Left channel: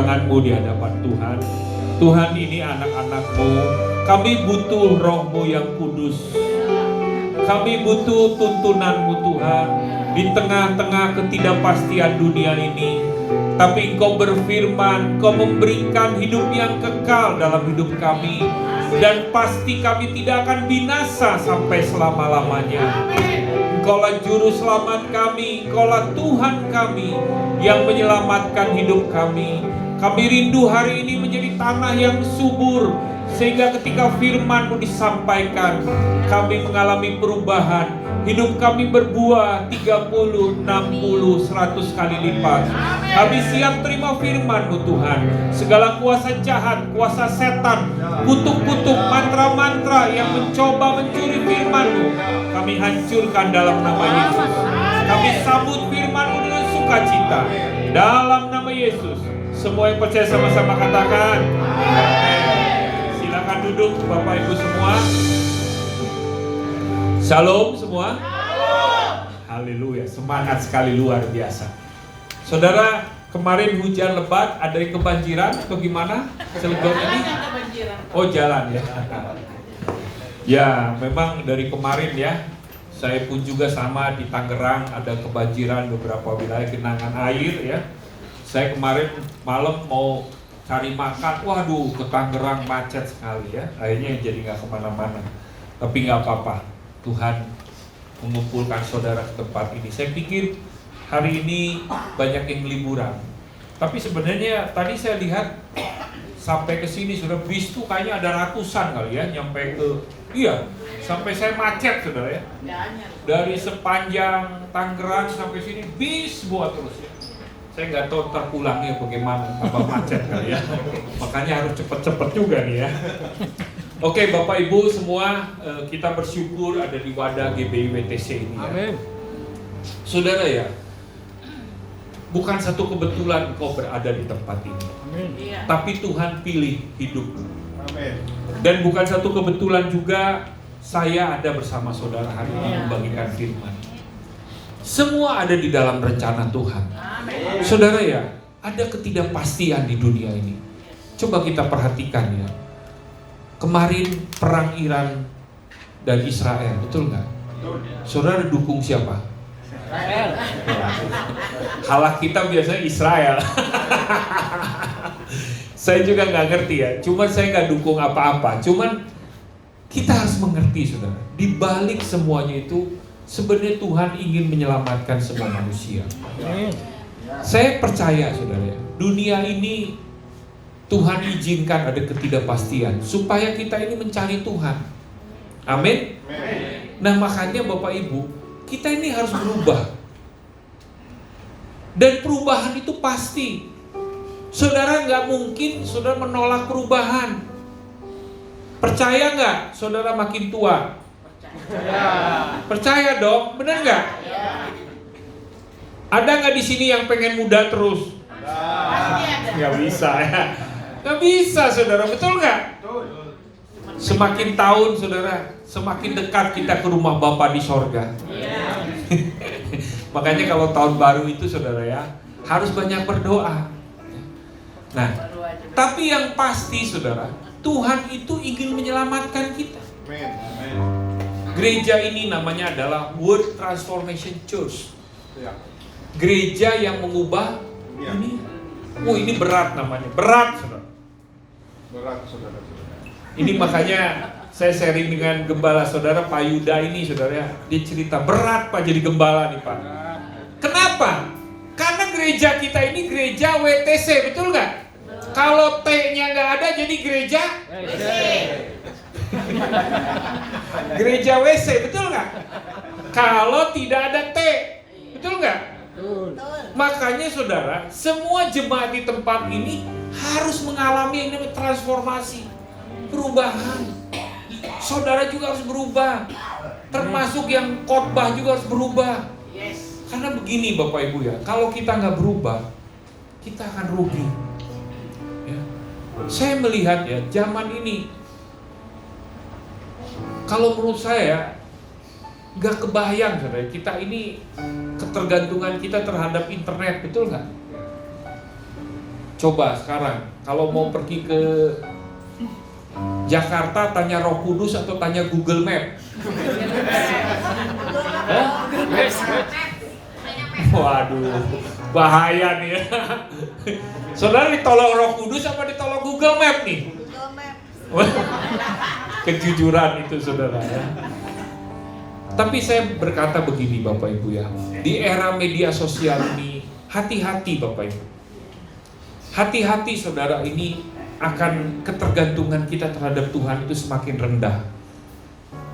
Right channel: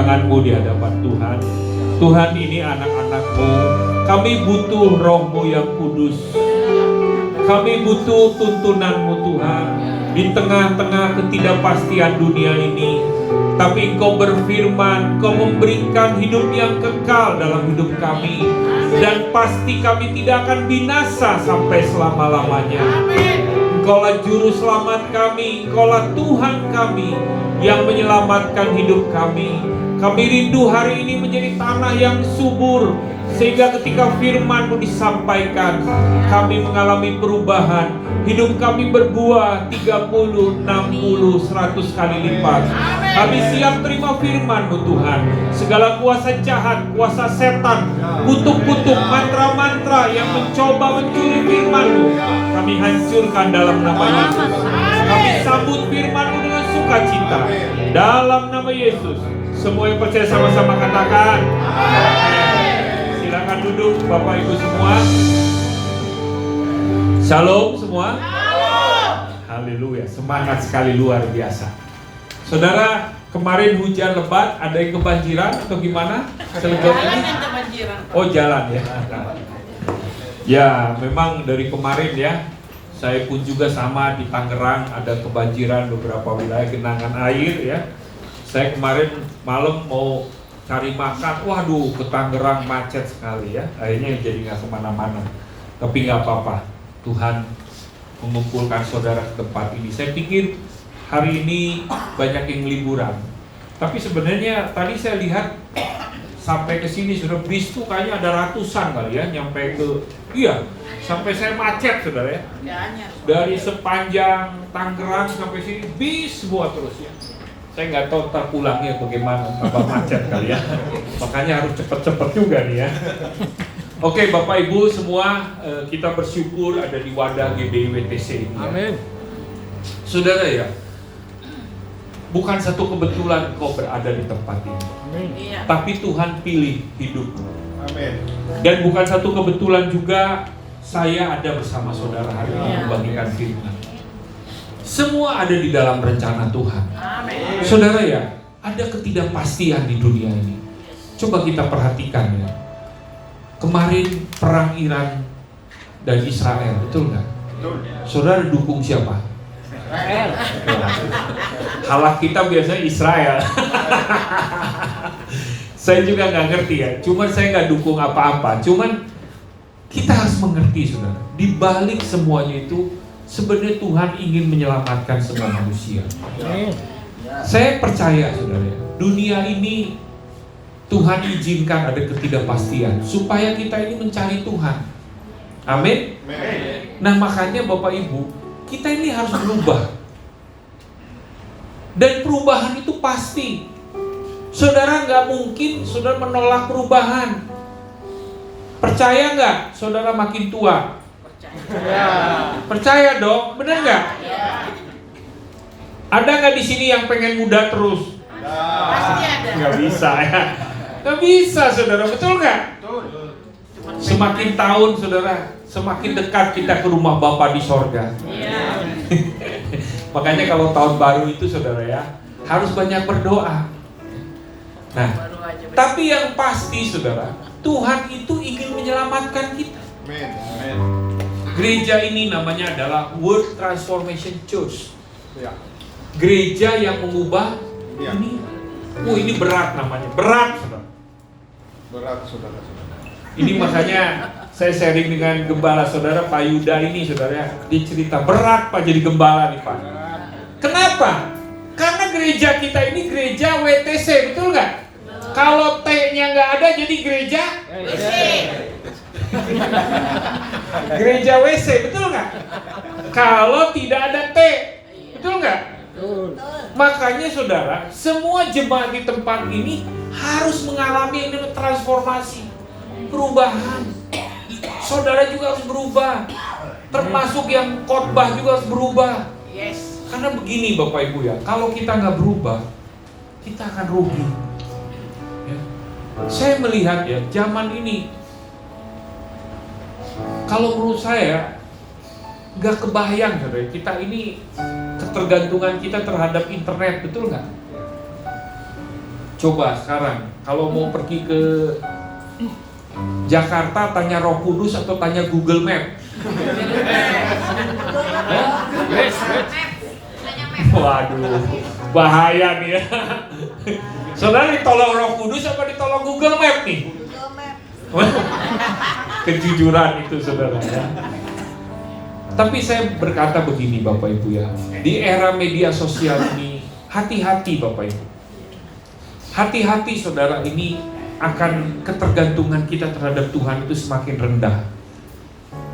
tanganmu di hadapan Tuhan. Tuhan, ini anak-anak-Mu. Kami butuh Roh-Mu yang kudus. Kami butuh tuntunan-Mu Tuhan. Di tengah-tengah ketidakpastian dunia ini, tapi Engkau berfirman, Engkau memberikan hidup yang kekal dalam hidup kami. Dan pasti kami tidak akan binasa sampai selama-lamanya. Engkaulah juru selamat kami, Engkaulah Tuhan kami yang menyelamatkan hidup kami. Kami rindu hari ini menjadi tanah yang subur, sehingga ketika firman-Mu disampaikan, kami mengalami perubahan. Hidup kami berbuah 30, 60, 100 kali lipat. Kami siap terima firman-Mu Tuhan. Segala kuasa jahat, kuasa setan, kutuk-kutuk, mantra-mantra yang mencoba mencuri firman-Mu, kami hancurkan dalam nama Yesus. Kami sambut firman-Mu dengan sukacita dalam nama Yesus. Semua yang percaya sama-sama katakan amin. Silakan duduk Bapak Ibu semua. Shalom semua. Haleluya, semangat sekali, luar biasa. Saudara, kemarin hujan lebat, ada yang kebanjiran atau gimana? Cilegon ini? Oh, jalan ya. Ya, memang dari kemarin ya. Saya pun juga sama di Tangerang, ada kebanjiran beberapa wilayah, genangan air ya. Saya kemarin malam mau cari makan, waduh ke Tangerang macet sekali ya. Akhirnya jadi nggak kemana-mana. Tapi nggak apa-apa, Tuhan mengumpulkan saudara ke tempat ini. Saya pikir hari ini banyak yang liburan. Tapi sebenarnya tadi saya lihat sampai ke sini sudah bis tuh kayaknya ada ratusan kali ya nyampe ke, iya, sampai saya macet saudara ya. Dari sepanjang Tangerang sampai sini bis semua terus ya. Saya nggak tahu terpulangnya bagaimana, tambah macet kali ya. Makanya harus cepet-cepet juga nih ya. Oke Bapak Ibu semua, kita bersyukur ada di wadah GBI WTC ini. Amin. Ya. Saudara ya, bukan satu kebetulan kau berada di tempat ini. Amin. Tapi Tuhan pilih hidupmu. Amin. Dan bukan satu kebetulan juga saya ada bersama saudara hari ini membagikan firman. Semua ada di dalam rencana Tuhan. Amin. Saudara ya, ada ketidakpastian di dunia ini. Coba kita perhatikan ya. Kemarin perang Iran dan Israel, betul nggak? Saudara dukung siapa? Israel. Halak kita biasanya Israel. Saya juga nggak ngerti ya. Cuman saya nggak dukung apa-apa. Cuman kita harus mengerti, saudara. Di balik semuanya itu sebenarnya Tuhan ingin menyelamatkan semua manusia. Saya percaya, saudara. Dunia ini Tuhan izinkan ada ketidakpastian supaya kita ini mencari Tuhan. Amin. Nah makanya Bapak Ibu, kita ini harus berubah. Dan perubahan itu pasti. Saudara nggak mungkin saudara menolak perubahan. Percaya nggak? Saudara makin tua. Percaya dong, benar nggak? Ada nggak di sini yang pengen muda terus? Nggak bisa ya. Nggak bisa saudara, betul nggak? Semakin tahun saudara, semakin dekat kita ke rumah Bapa di sorga. Makanya kalau tahun baru itu saudara ya, harus banyak berdoa. Nah, tapi yang pasti saudara, Tuhan itu ingin menyelamatkan kita. Gereja ini namanya adalah World Transformation Church. Gereja yang mengubah dunia. Oh ini berat namanya, berat saudara. Berat saudara. Ini makanya saya sharing dengan gembala saudara Pak Yuda ini saudara ya. Dia cerita berat Pak jadi gembala nih Pak. Kenapa? Karena gereja kita ini gereja WTC, betul nggak? Kalau T-nya nggak ada jadi gereja WC. Gereja WC, betul nggak? Kalau tidak ada T, betul nggak? Makanya saudara, semua jemaat di tempat ini harus mengalami transformasi, perubahan. Saudara juga harus berubah, termasuk yang khotbah juga harus berubah. Karena begini Bapak Ibu ya, kalau kita nggak berubah, kita akan rugi. Ya. Saya melihat ya, zaman ini, kalau menurut saya nggak kebayang saudara, kita ini ketergantungan kita terhadap internet, betul nggak? Coba sekarang kalau mau pergi ke Jakarta, tanya Roh Kudus atau tanya Google Map? Waduh, bahaya nih ya. Saudara ditolong Roh Kudus apa ditolong Google Map nih? Kejujuran itu saudara ya. Tapi saya berkata begini Bapak Ibu ya, di era media sosial ini hati-hati Bapak Ibu. Hati-hati saudara, ini akan ketergantungan kita terhadap Tuhan itu semakin rendah.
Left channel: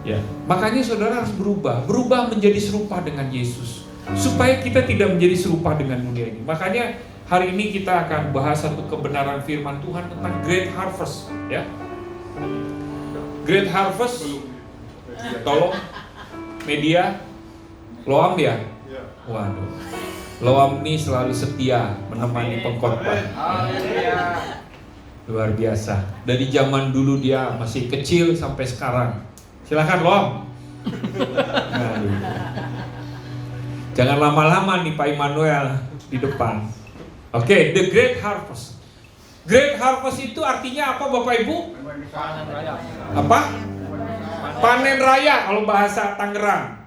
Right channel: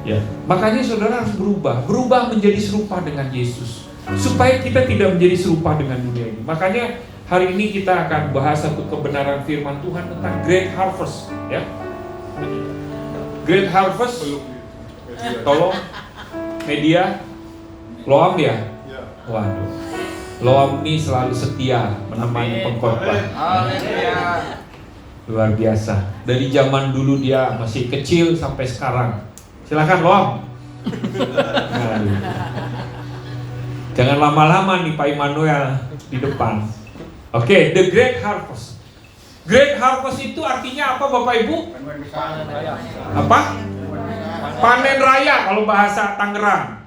Ya, makanya saudara harus berubah menjadi serupa dengan Yesus, supaya kita tidak menjadi serupa dengan dunia ini. Makanya hari ini kita akan bahas satu kebenaran firman Tuhan tentang Great Harvest, ya. Great Harvest, tolong media, Loam ya. Waduh, Loam ini selalu setia menemani pengkhotbah. Luar biasa. Dari zaman dulu dia masih kecil sampai sekarang. Silakan Loam. Jangan lama-lama nih Pak Immanuel di depan. Oke, The Great Harvest. Great Harvest itu artinya apa Bapak Ibu? Panen raya. Apa? Panen raya kalau bahasa Tangerang.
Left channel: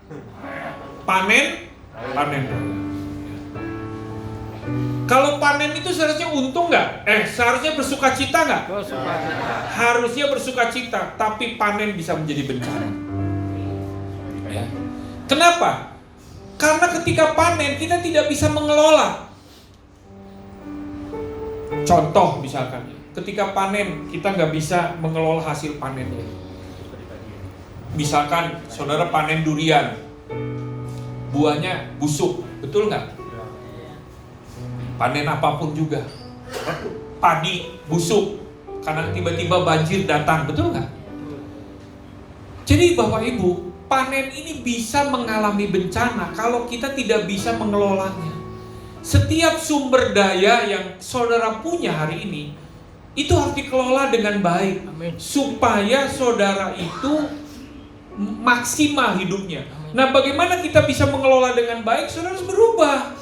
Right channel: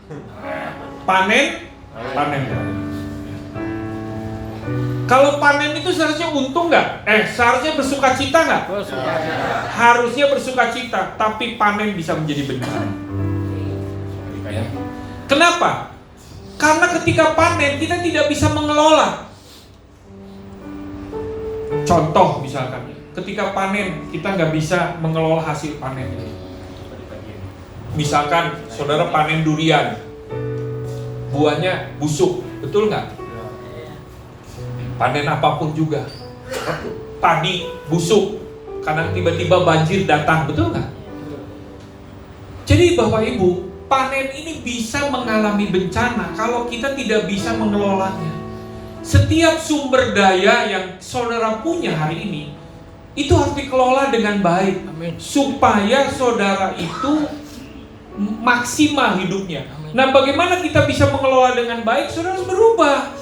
Panen raya. Kalau panen itu seharusnya untung nggak? Seharusnya bersukacita nggak? Bersukacita. Harusnya bersukacita, tapi panen bisa menjadi bencana. Ya. Kenapa? Karena ketika panen kita tidak bisa mengelola. Contoh misalkan, ketika panen kita nggak bisa mengelola hasil panen. Misalkan saudara panen durian, buahnya busuk, betul nggak? Panen apapun juga, padi busuk karena tiba-tiba banjir datang, betul nggak? Jadi Bapak Ibu, panen ini bisa mengalami bencana kalau kita tidak bisa mengelolanya. Setiap sumber daya yang saudara punya hari ini itu harus dikelola dengan baik. Amin. Supaya saudara itu maksimal hidupnya. Amin. Nah, bagaimana kita bisa mengelola dengan baik? Saudara harus berubah.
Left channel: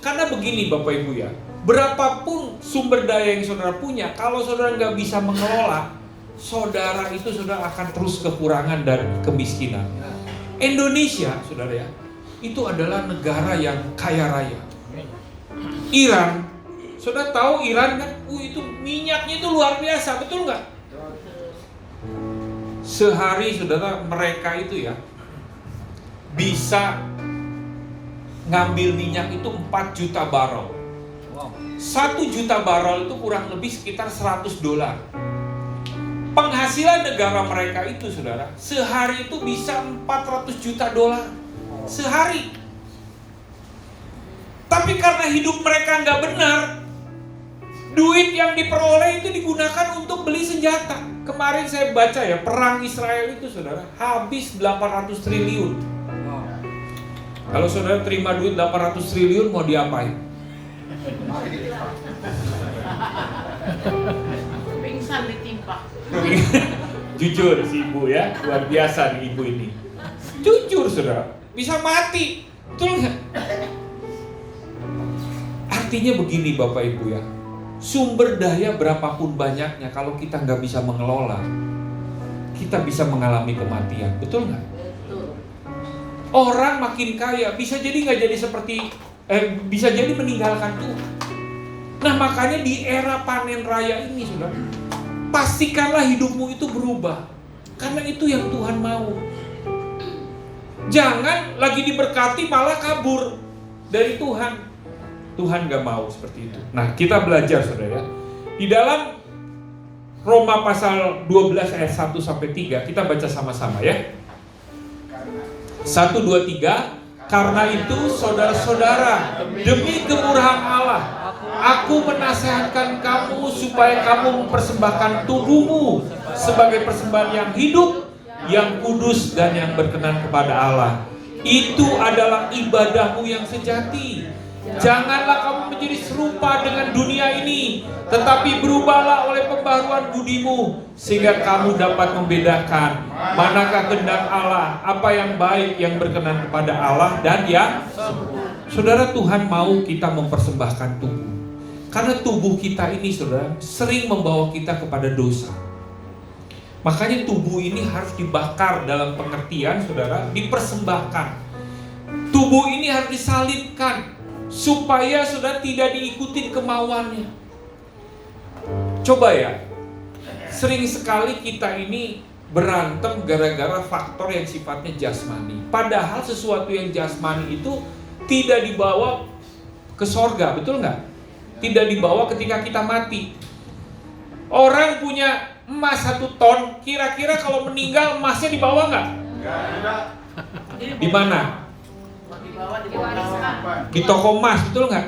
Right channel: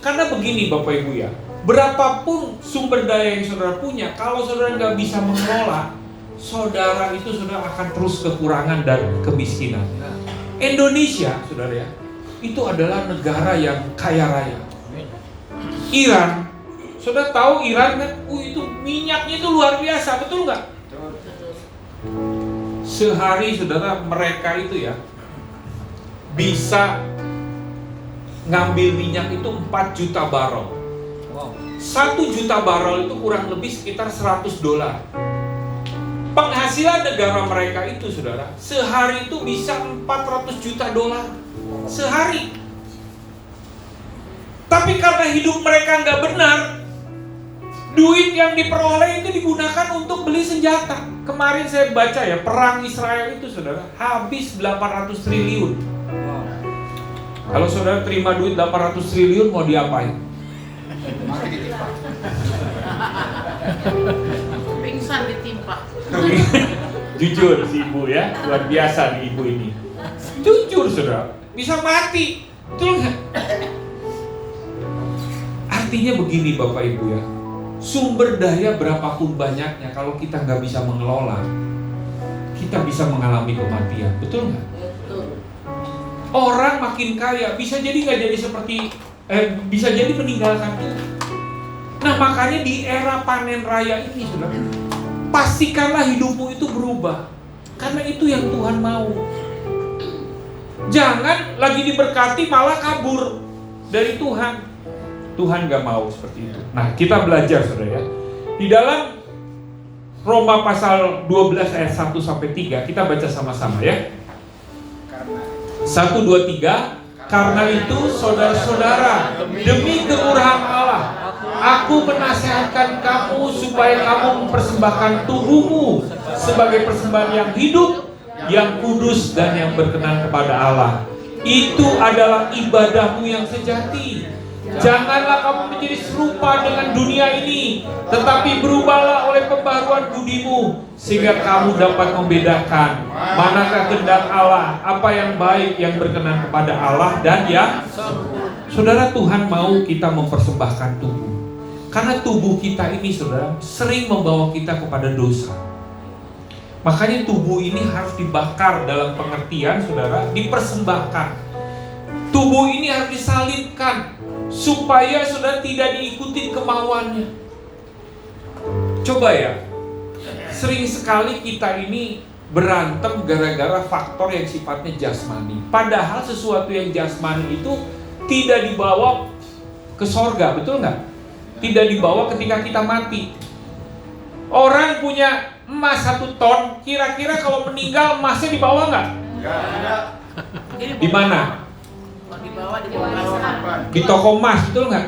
Karena begini Bapak Ibu ya, berapapun sumber daya yang saudara punya, kalau saudara nggak bisa mengelola, saudara itu saudara akan terus kekurangan dan kemiskinan. Indonesia, saudara ya, itu adalah negara yang kaya raya. Iran, saudara tahu Iran kan, itu minyaknya itu luar biasa, betul nggak? Sehari saudara mereka itu ya bisa ngambil minyak itu 4 juta barrel. Wow. 1 juta barrel itu kurang lebih sekitar $100. Penghasilan negara mereka itu saudara, sehari itu bisa $400 juta sehari. Tapi karena hidup mereka nggak benar, duit yang diperoleh itu digunakan untuk beli senjata. Kemarin saya baca ya, perang Israel itu saudara habis 800 triliun. Wow. Kalau saudara terima duit 800 triliun mau diapain? Pingsan ditimpa. Jujur si ibu ya, luar biasa nih ibu ini. Jujur saudara, bisa mati. Betul nggak? Artinya begini Bapak Ibu ya, sumber daya berapapun banyaknya, kalau kita nggak bisa mengelola, kita bisa mengalami kematian. Betul nggak? Orang makin kaya bisa jadi nggak jadi seperti bisa jadi meninggalkan Tuhan. Nah makanya di era panen raya ini saudara, pastikanlah hidupmu itu berubah, karena itu yang Tuhan mau. Jangan lagi diberkati malah kabur dari Tuhan. Tuhan nggak mau seperti itu. Nah kita belajar saudara ya, di dalam Roma pasal 12 ayat 1 sampai 3 kita baca sama-sama ya. 1, 2, 3. Karena itu saudara-saudara, demi kemurahan Allah, aku menasihatkan kamu supaya kamu mempersembahkan tubuhmu sebagai persembahan yang hidup, yang kudus dan yang berkenan kepada Allah. Itu adalah ibadahmu yang sejati. Janganlah kamu menjadi serupa dengan dunia ini, tetapi berubahlah oleh pembaharuan budimu, sehingga kamu dapat membedakan manakah kehendak Allah, apa yang baik, yang berkenan kepada Allah dan yang sempurna. Saudara, Tuhan mau kita mempersembahkan tubuh. Karena tubuh kita ini, saudara, sering membawa kita kepada dosa. Makanya tubuh ini harus dibakar dalam pengertian, saudara, dipersembahkan. Tubuh ini harus disalibkan supaya saudara tidak diikuti kemauannya. Coba ya, sering sekali kita ini berantem gara-gara faktor yang sifatnya jasmani. Padahal sesuatu yang jasmani itu tidak dibawa ke sorga, betul nggak? Tidak dibawa ketika kita mati. Orang punya emas 1 ton, kira-kira kalau meninggal emasnya dibawa nggak? Enggak. Di mana? Di bawah. Di toko emas, betul nggak?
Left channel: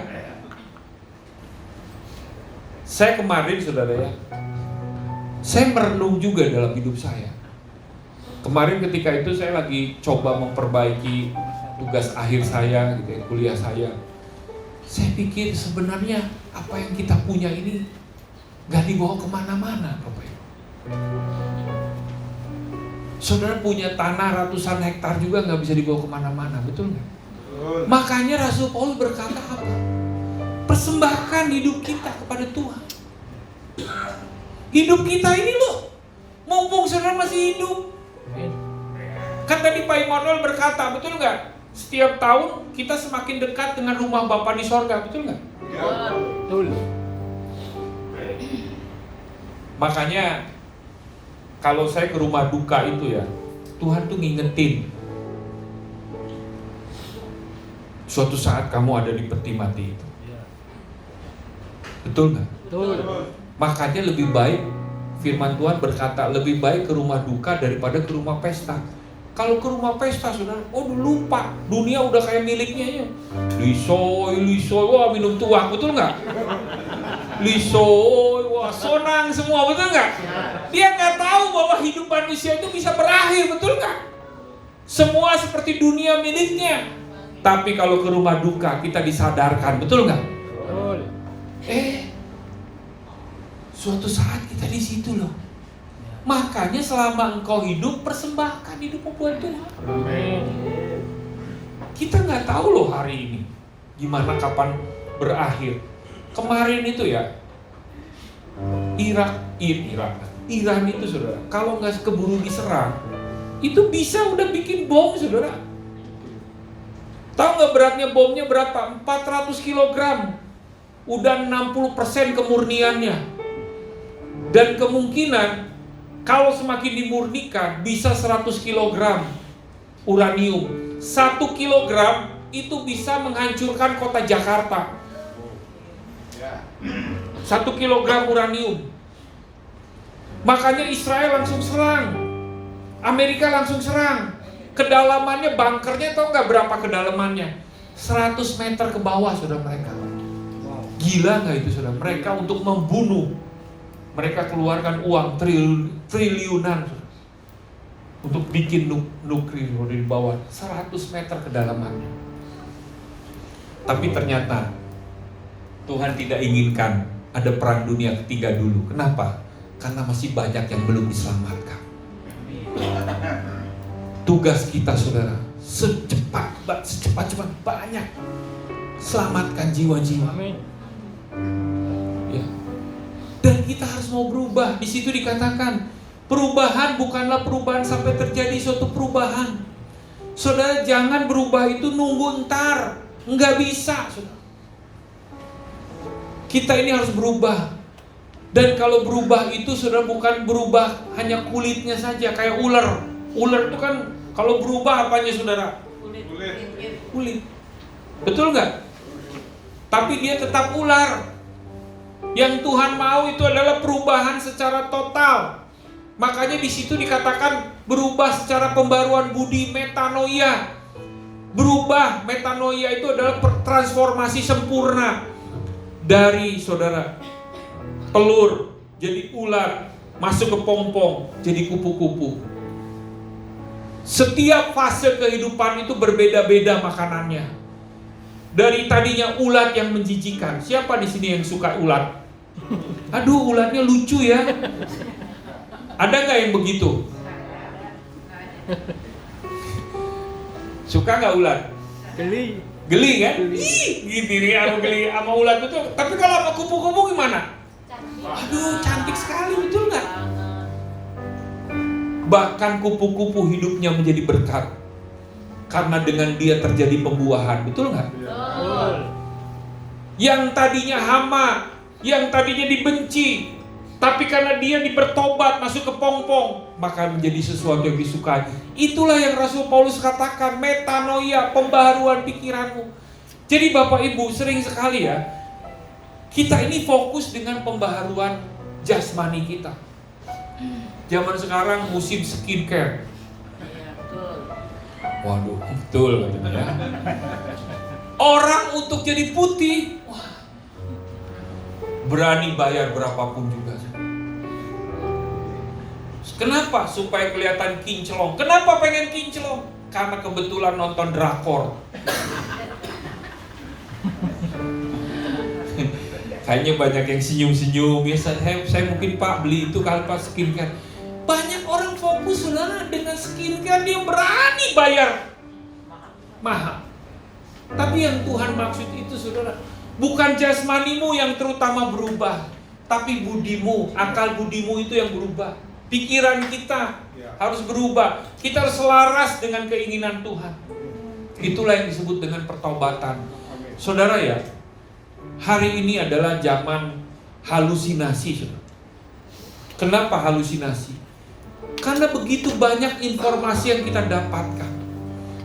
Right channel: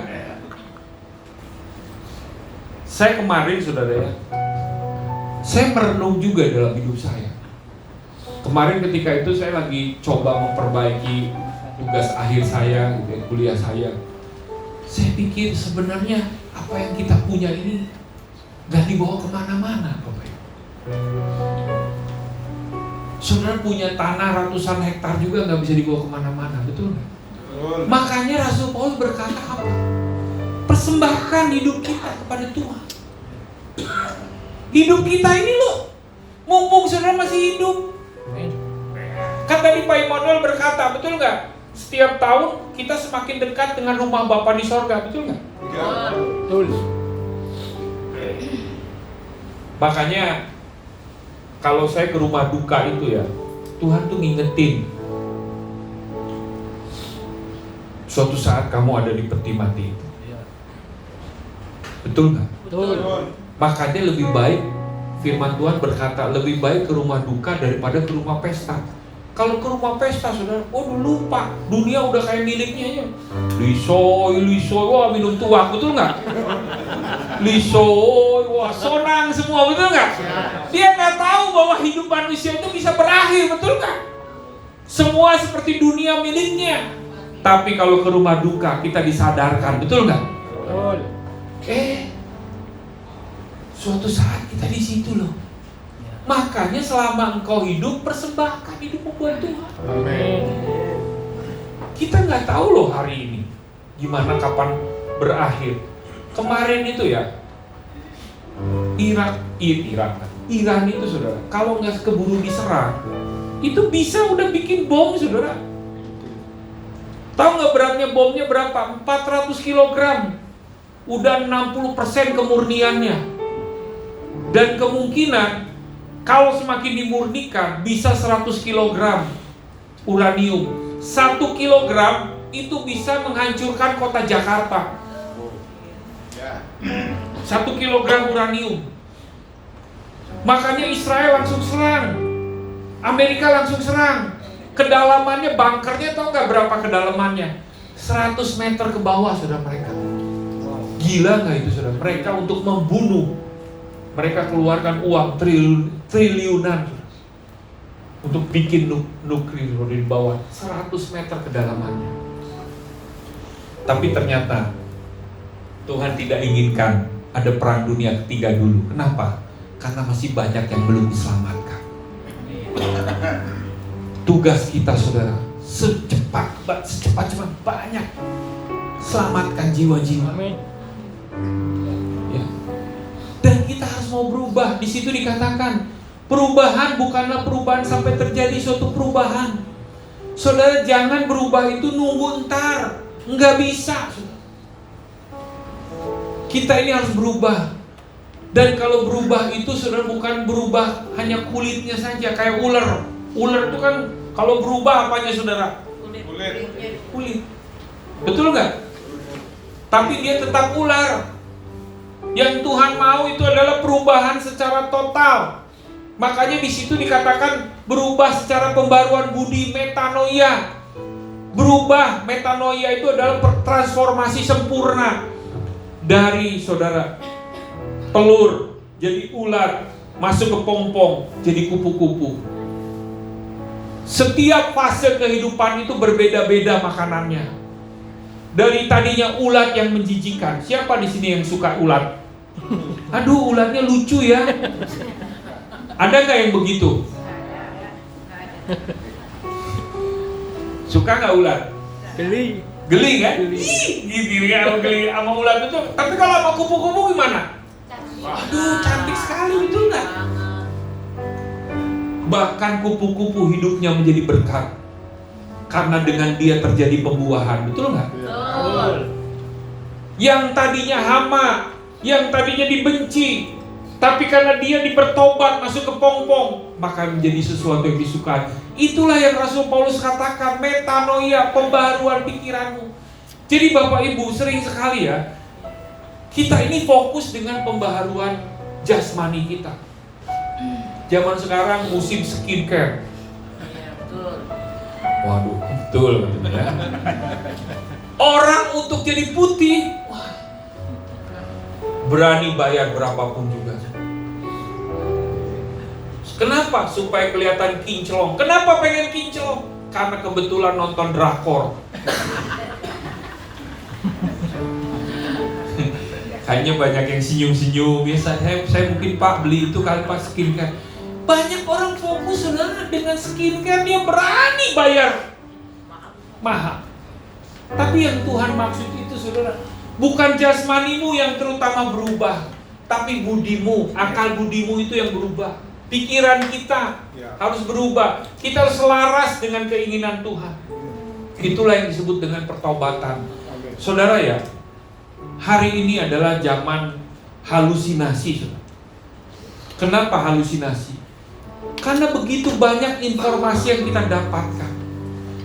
Saya kemarin, saudara ya, saya merenung juga dalam hidup saya. Kemarin ketika itu saya lagi coba memperbaiki tugas akhir saya, gitu ya, kuliah saya. Saya pikir sebenarnya apa yang kita punya ini gak dibawa kemana-mana, Bapak Ibu. Saudara punya tanah ratusan hektar juga gak bisa dibawa kemana-mana, betul nggak? Makanya Rasul Paulus berkata apa? Persembahkan hidup kita kepada Tuhan. Hidup kita ini loh, mumpung saudara masih hidup. Kan tadi Pak Immanuel berkata, betul nggak? Setiap tahun kita semakin dekat dengan rumah Bapa di sorga, betul nggak? Betul. Makanya kalau saya ke rumah duka itu ya, Tuhan tuh ngingetin, suatu saat kamu ada di peti mati itu. Iya. Betul nggak? Betul. Makanya lebih baik, firman Tuhan berkata, lebih baik ke rumah duka daripada ke rumah pesta. Kalau ke rumah pesta, saudara, lupa, dunia udah kayak miliknya ya. Lisoy, wah minum tuak, betul nggak? Lisoy, wah sonang semua, betul nggak? Dia nggak tahu bahwa hidup manusia itu bisa berakhir, betul nggak? Semua seperti dunia miliknya. Tapi kalau ke rumah duka kita disadarkan, betul nggak? Betul. Suatu saat kita di situ loh. Makanya selama engkau hidup, persembahkan hidupmu buat Tuhan. Amin. Kita nggak tahu loh hari ini gimana, kapan berakhir. Kemarin itu ya, Iran itu, saudara, kalau nggak keburu diserang, itu bisa udah bikin bom, saudara. Tahu nggak beratnya bomnya berapa? 400 kg. Udah 60% kemurniannya. Dan kemungkinan kalau semakin dimurnikan bisa 100 kg uranium. 1 kg itu bisa menghancurkan kota Jakarta. 1 kg uranium. Makanya Israel langsung serang, Amerika langsung serang. Kedalamannya, bunkernya tahu nggak berapa kedalamannya? 100 meter ke bawah sudah mereka. Gila nggak itu, saudara? Mereka untuk membunuh, mereka keluarkan uang triliunan untuk bikin nuklir di bawah 100 meter kedalamannya. Tapi ternyata Tuhan tidak inginkan ada perang dunia ketiga dulu. Kenapa? Karena masih banyak yang belum diselamatkan. Tugas kita, saudara, secepat banyak selamatkan jiwa-jiwa. Amin. Ya. Dan kita harus mau berubah. Di situ dikatakan perubahan bukanlah perubahan sampai terjadi suatu perubahan. Saudara, jangan berubah itu nunggu ntar, nggak bisa. Saudara. Kita ini harus berubah. Dan kalau berubah itu, saudara, bukan berubah hanya kulitnya saja, kayak ular. Ular itu kan kalau berubah apanya, saudara? Kulit. Betul nggak? Tapi dia tetap ular. Yang Tuhan mau itu adalah perubahan secara total. Makanya di situ dikatakan berubah secara pembaruan budi, metanoia. Berubah, metanoia itu adalah transformasi sempurna dari, saudara, telur jadi ular, masuk ke pompong jadi kupu-kupu. Setiap fase kehidupan itu berbeda-beda makanannya. Dari tadinya ulat yang menjijikan. Siapa di sini yang suka ulat? Aduh, ulatnya lucu ya. Ada nggak yang begitu? Suka nggak ulat? Geli. Geli kan? Ih, gitu ya, sama geli sama ulat itu. Tapi kalau sama kupu-kupu gimana? Aduh, cantik sekali, betul nggak? Bahkan kupu-kupu hidupnya menjadi berkat karena dengan dia terjadi pembuahan, betul nggak? Betul. Yang tadinya hama, yang tadinya dibenci, tapi karena dia bertobat masuk ke pongpong, maka menjadi sesuatu yang disukai. Itulah yang Rasul Paulus katakan, metanoia, pembaharuan pikiranmu. Jadi Bapak Ibu, sering sekali ya, kita ini fokus dengan pembaharuan jasmani kita. Zaman sekarang musim skincare. Waduh, betul ya. Orang untuk jadi putih, wah, berani bayar berapapun juga. Kenapa? Supaya kelihatan kinclong. Kenapa pengen kinclong? Karena kebetulan nonton drakor. Kayaknya banyak yang senyum-senyum. Ya, saya mungkin Pak beli itu kali Pak skincare. Banyak orang fokus saudara dengan skincare, dia berani bayar mahal. Tapi yang Tuhan maksud itu saudara, bukan jasmanimu yang terutama berubah, tapi budimu, akal budimu itu yang berubah. Pikiran kita harus berubah. Kita harus selaras dengan keinginan Tuhan. Itulah yang disebut dengan pertobatan. Saudara ya, hari ini adalah zaman halusinasi. Saudara. Kenapa halusinasi? Karena begitu banyak informasi yang kita dapatkan.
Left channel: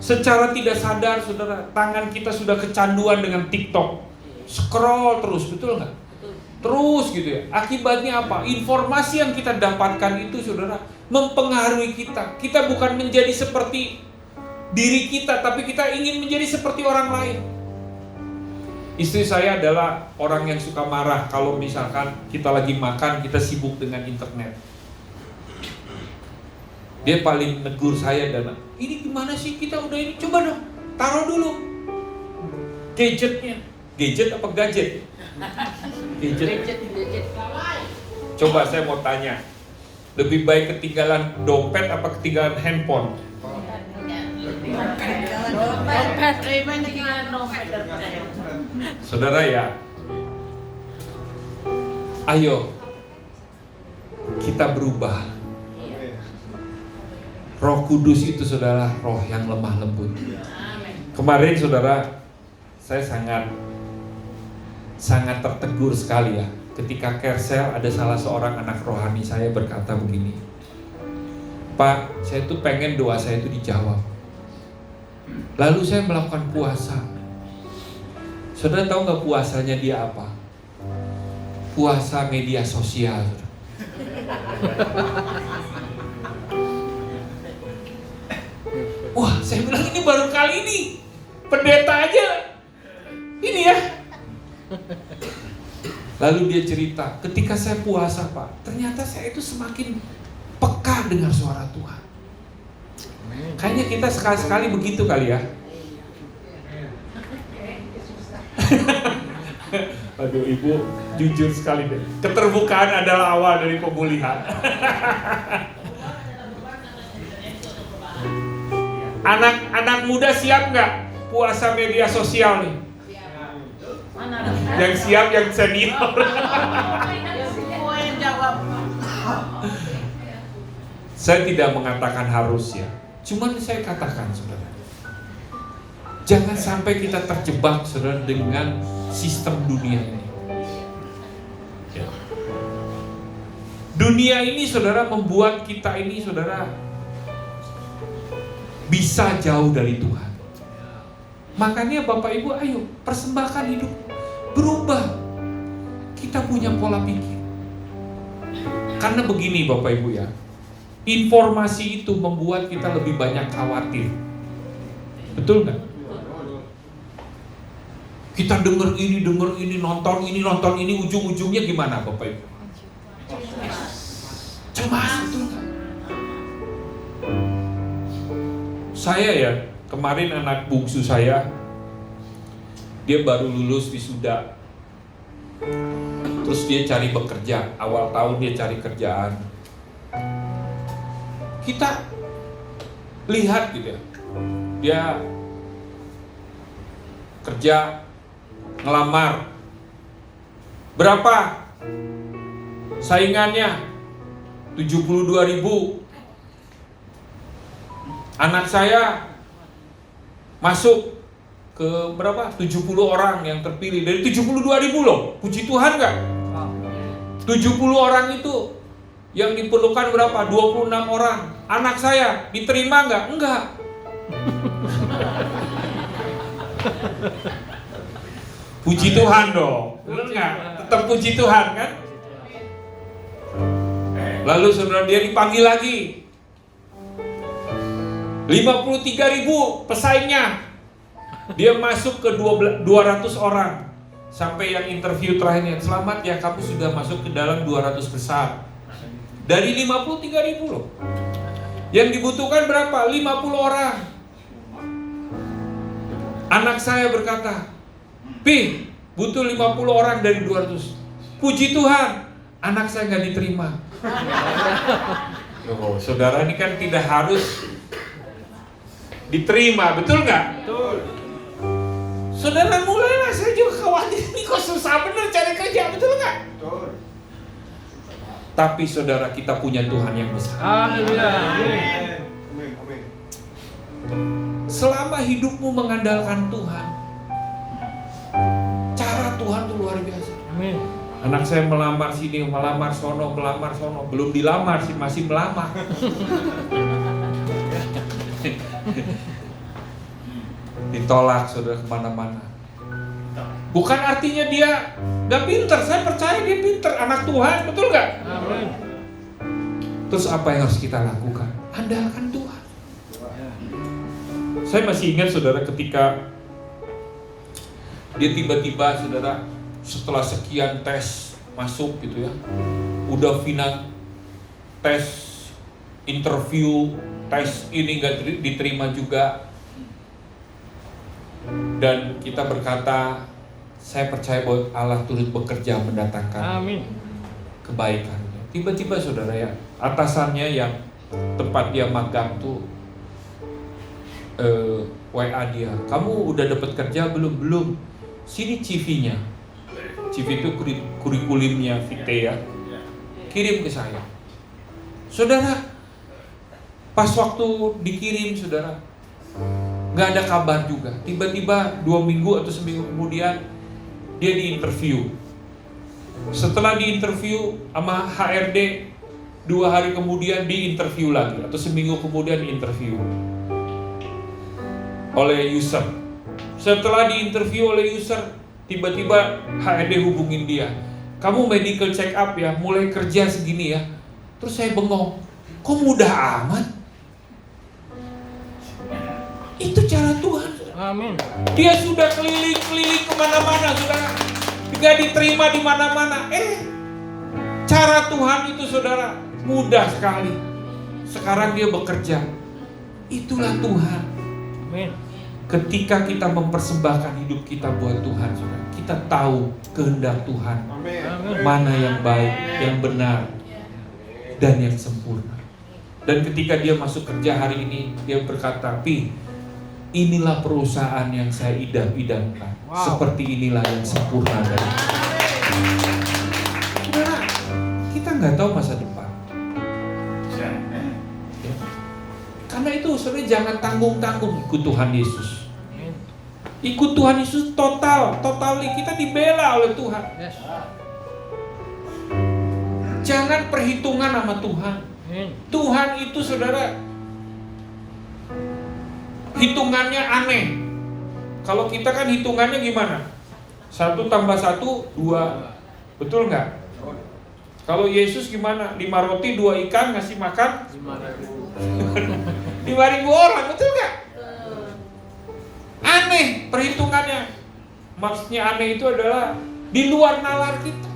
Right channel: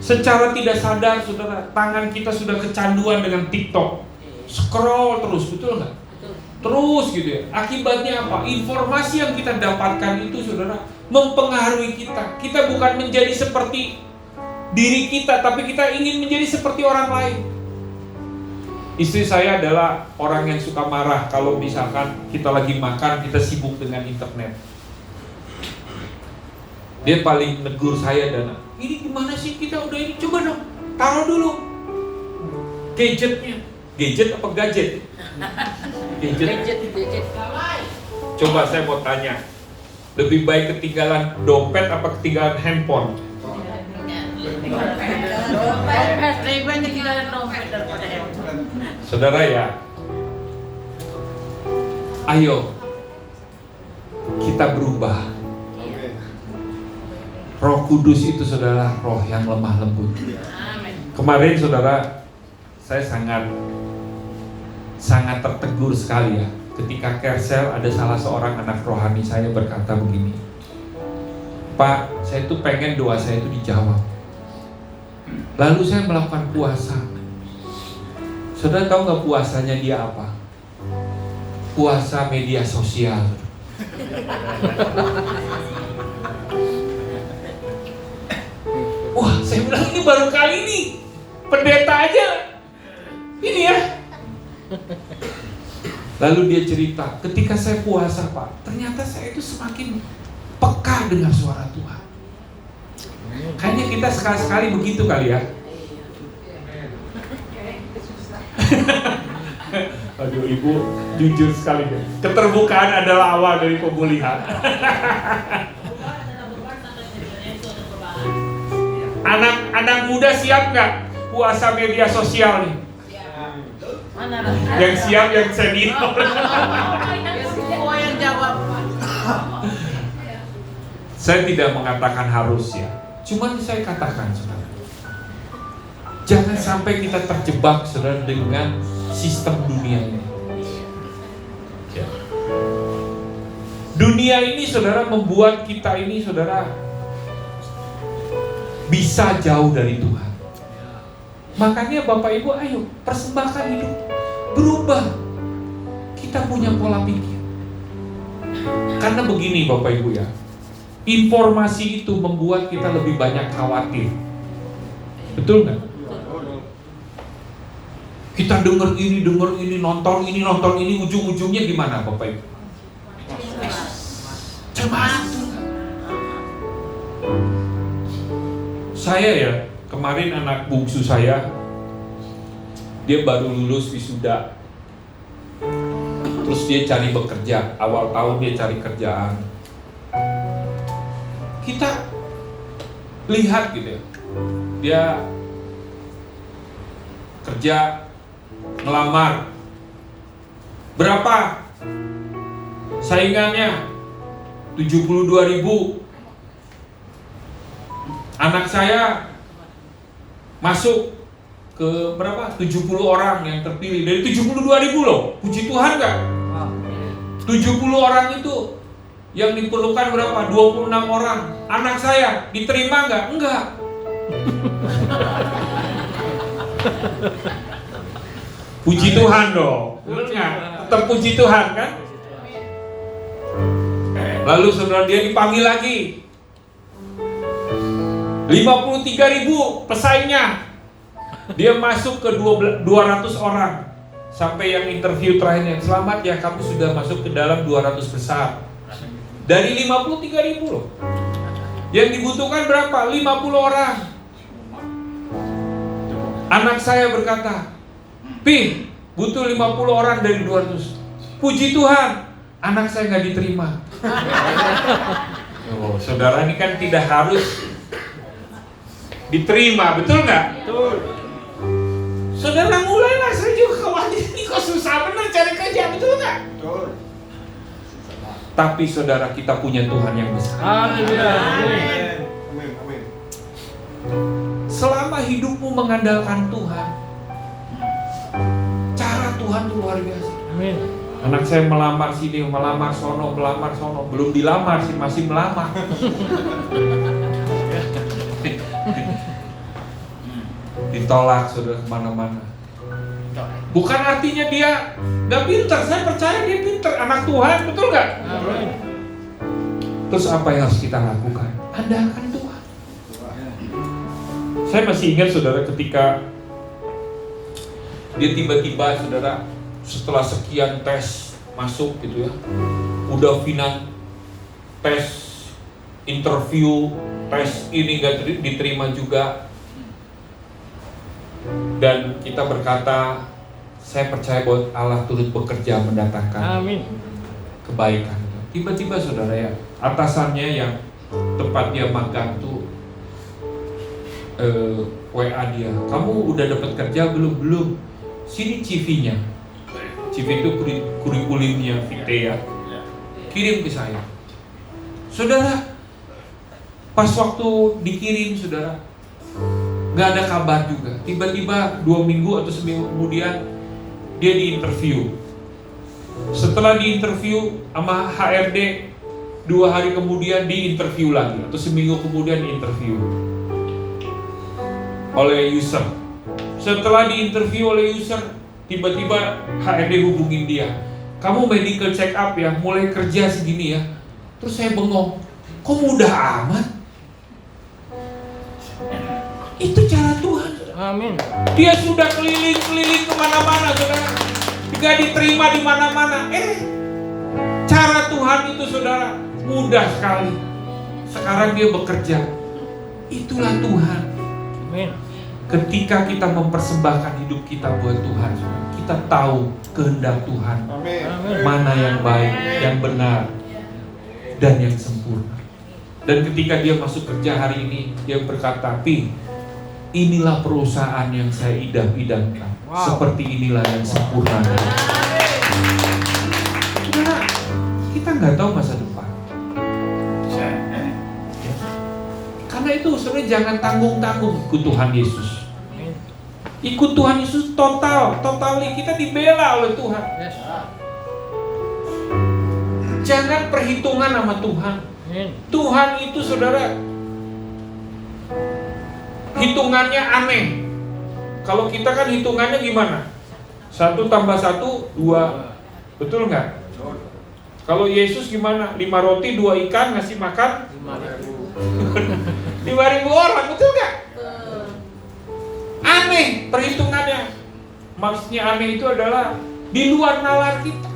Secara tidak sadar, saudara, tangan kita sudah kecanduan dengan TikTok. Scroll terus, betul nggak? Terus gitu ya. Akibatnya apa? Informasi yang kita dapatkan itu, saudara, mempengaruhi kita. Kita bukan menjadi seperti diri kita, tapi kita ingin menjadi seperti orang lain. Istri saya adalah orang yang suka marah kalau misalkan kita lagi makan, kita sibuk dengan internet. Dia paling negur saya, dan ini gimana sih kita udah ini, coba dong taruh dulu gadgetnya. Gadget apa gadget? Gadget. Coba saya mau tanya, lebih baik ketinggalan dompet apa ketinggalan handphone? Saudara ya, ayo kita berubah. Roh Kudus itu saudara, roh yang lemah lembut. Kemarin saudara, saya sangat tertegur sekali ya, ketika Kersel ada salah seorang anak rohani saya berkata begini, Pak, saya tuh pengen doa saya itu dijawab. Lalu saya melakukan puasa. Saudara tahu nggak puasanya dia apa? Puasa media sosial. Wah, saya bilang ini baru kali ini pendeta aja ini ya. Lalu dia cerita, ketika saya puasa Pak, ternyata saya itu semakin peka dengan suara Tuhan. Kayaknya kita sekali-sekali begitu kali ya. Aduh, Ibu jujur sekali deh. Keterbukaan adalah awal dari pemulihan. Anak muda siap nggak puasa media sosial nih? Yang siap, yang senior. Saya tidak mengatakan harus ya, cuman saya katakan saudara, jangan sampai kita terjebak saudara dengan sistem dunia ini. Ya. Dunia ini saudara membuat kita ini saudara bisa jauh dari Tuhan. Makanya Bapak Ibu ayo persembahkan hidup, berubah. Kita punya pola pikir. Karena begini Bapak Ibu ya, informasi itu membuat kita lebih banyak khawatir. Betul nggak? Kita dengar ini, nonton ini, ujung-ujungnya gimana Bapak Ibu? Cemas. Saya ya, kemarin anak bungsu saya, dia baru lulus wisuda. Terus dia cari bekerja, awal tahun dia cari kerjaan. Kita lihat gitu ya, dia kerja, ngelamar. Berapa saingannya? 72.000. Anak saya masuk ke berapa? 70 orang yang terpilih dari 72.000 loh. Puji Tuhan nggak? Wow. 70 orang itu yang diperlukan berapa? 26 orang. Anak saya diterima nggak? Enggak. Puji Tuhan dong. Benar nggak? Tetap puji Tuhan kan? Lalu saudara dia dipanggil lagi. 53.000 pesaingnya. Dia masuk ke 200 orang. Sampai yang interview terakhirnya, selamat ya kamu sudah masuk ke dalam 200 besar. Dari 53.000 loh. Yang dibutuhkan berapa? 50 orang. Anak saya berkata, Pi, butuh 50 orang dari 200. Puji Tuhan, anak saya nggak diterima. Oh, saudara ini kan tidak harus diterima, betul nggak? Betul. Saudara mulailah, saya juga khawatir ini kok susah bener cari kerja, betul nggak? Betul. Tapi saudara, kita punya Tuhan yang besar. Haleluya. Amin. Amin. Amin. Selama hidupmu mengandalkan Tuhan, cara Tuhan itu luar biasa. Amin. Anak saya melamar sini, melamar sono, belum dilamar sih, masih melamar. Ditolak saudara kemana-mana. Bukan artinya dia gak pinter, saya percaya dia pinter, anak Tuhan, betul gak? Amin. Terus apa yang harus kita lakukan? Andalkan Tuhan. Saya masih ingat saudara ketika dia tiba-tiba saudara setelah sekian tes masuk gitu ya, udah final tes, interview, tes ini gak diterima juga. Dan kita berkata, saya percaya bahwa Allah turut bekerja mendatangkan Amin. kebaikan. Tiba-tiba saudara ya, atasannya yang tempat dia magang tuh WA dia, kamu udah dapat kerja belum? Belum. Sini CV-nya. CV itu kurikulumnya Vite ya. Kirim ke saya. Saudara, pas waktu dikirim saudara, nggak ada kabar juga. Tiba-tiba 2 minggu atau seminggu kemudian dia diinterview. Setelah diinterview sama HRD, 2 hari kemudian diinterview lagi, atau seminggu kemudian diinterview oleh user. Setelah diinterview oleh user, tiba-tiba HRD hubungin dia, kamu medical check up ya, mulai kerja segini ya. Terus saya bengong, kok mudah amat? Itu cara Tuhan. Amin. Dia sudah keliling-keliling kemana-mana, saudara. Tidak diterima di mana-mana. Cara Tuhan itu saudara mudah sekali. Sekarang dia bekerja. Itulah Tuhan. Amin. Ketika kita mempersembahkan hidup kita buat Tuhan, saudara, kita tahu kehendak Tuhan. Amin. Amin. Mana yang baik, yang benar, dan yang sempurna. Dan ketika dia masuk kerja hari ini, dia berkata, Pi, inilah perusahaan yang saya idam-idamkan. Wow. Seperti inilah yang sempurna. Saudara, kita nggak tahu masa depan. Ya. Karena itu sebenarnya jangan tanggung-tanggung ikut Tuhan Yesus. Amin. Ikut Tuhan Yesus totally kita dibela oleh Tuhan. Yes. Jangan perhitungan sama Tuhan. Amin. Tuhan itu saudara, hitungannya aneh. Kalau kita kan hitungannya gimana? 1 tambah 1, 2. Betul nggak? Kalau Yesus gimana? 5 roti, 2 ikan ngasih makan 5.000. 5.000 orang, betul nggak? Aneh perhitungannya. Maksudnya aneh itu adalah di luar nalar kita.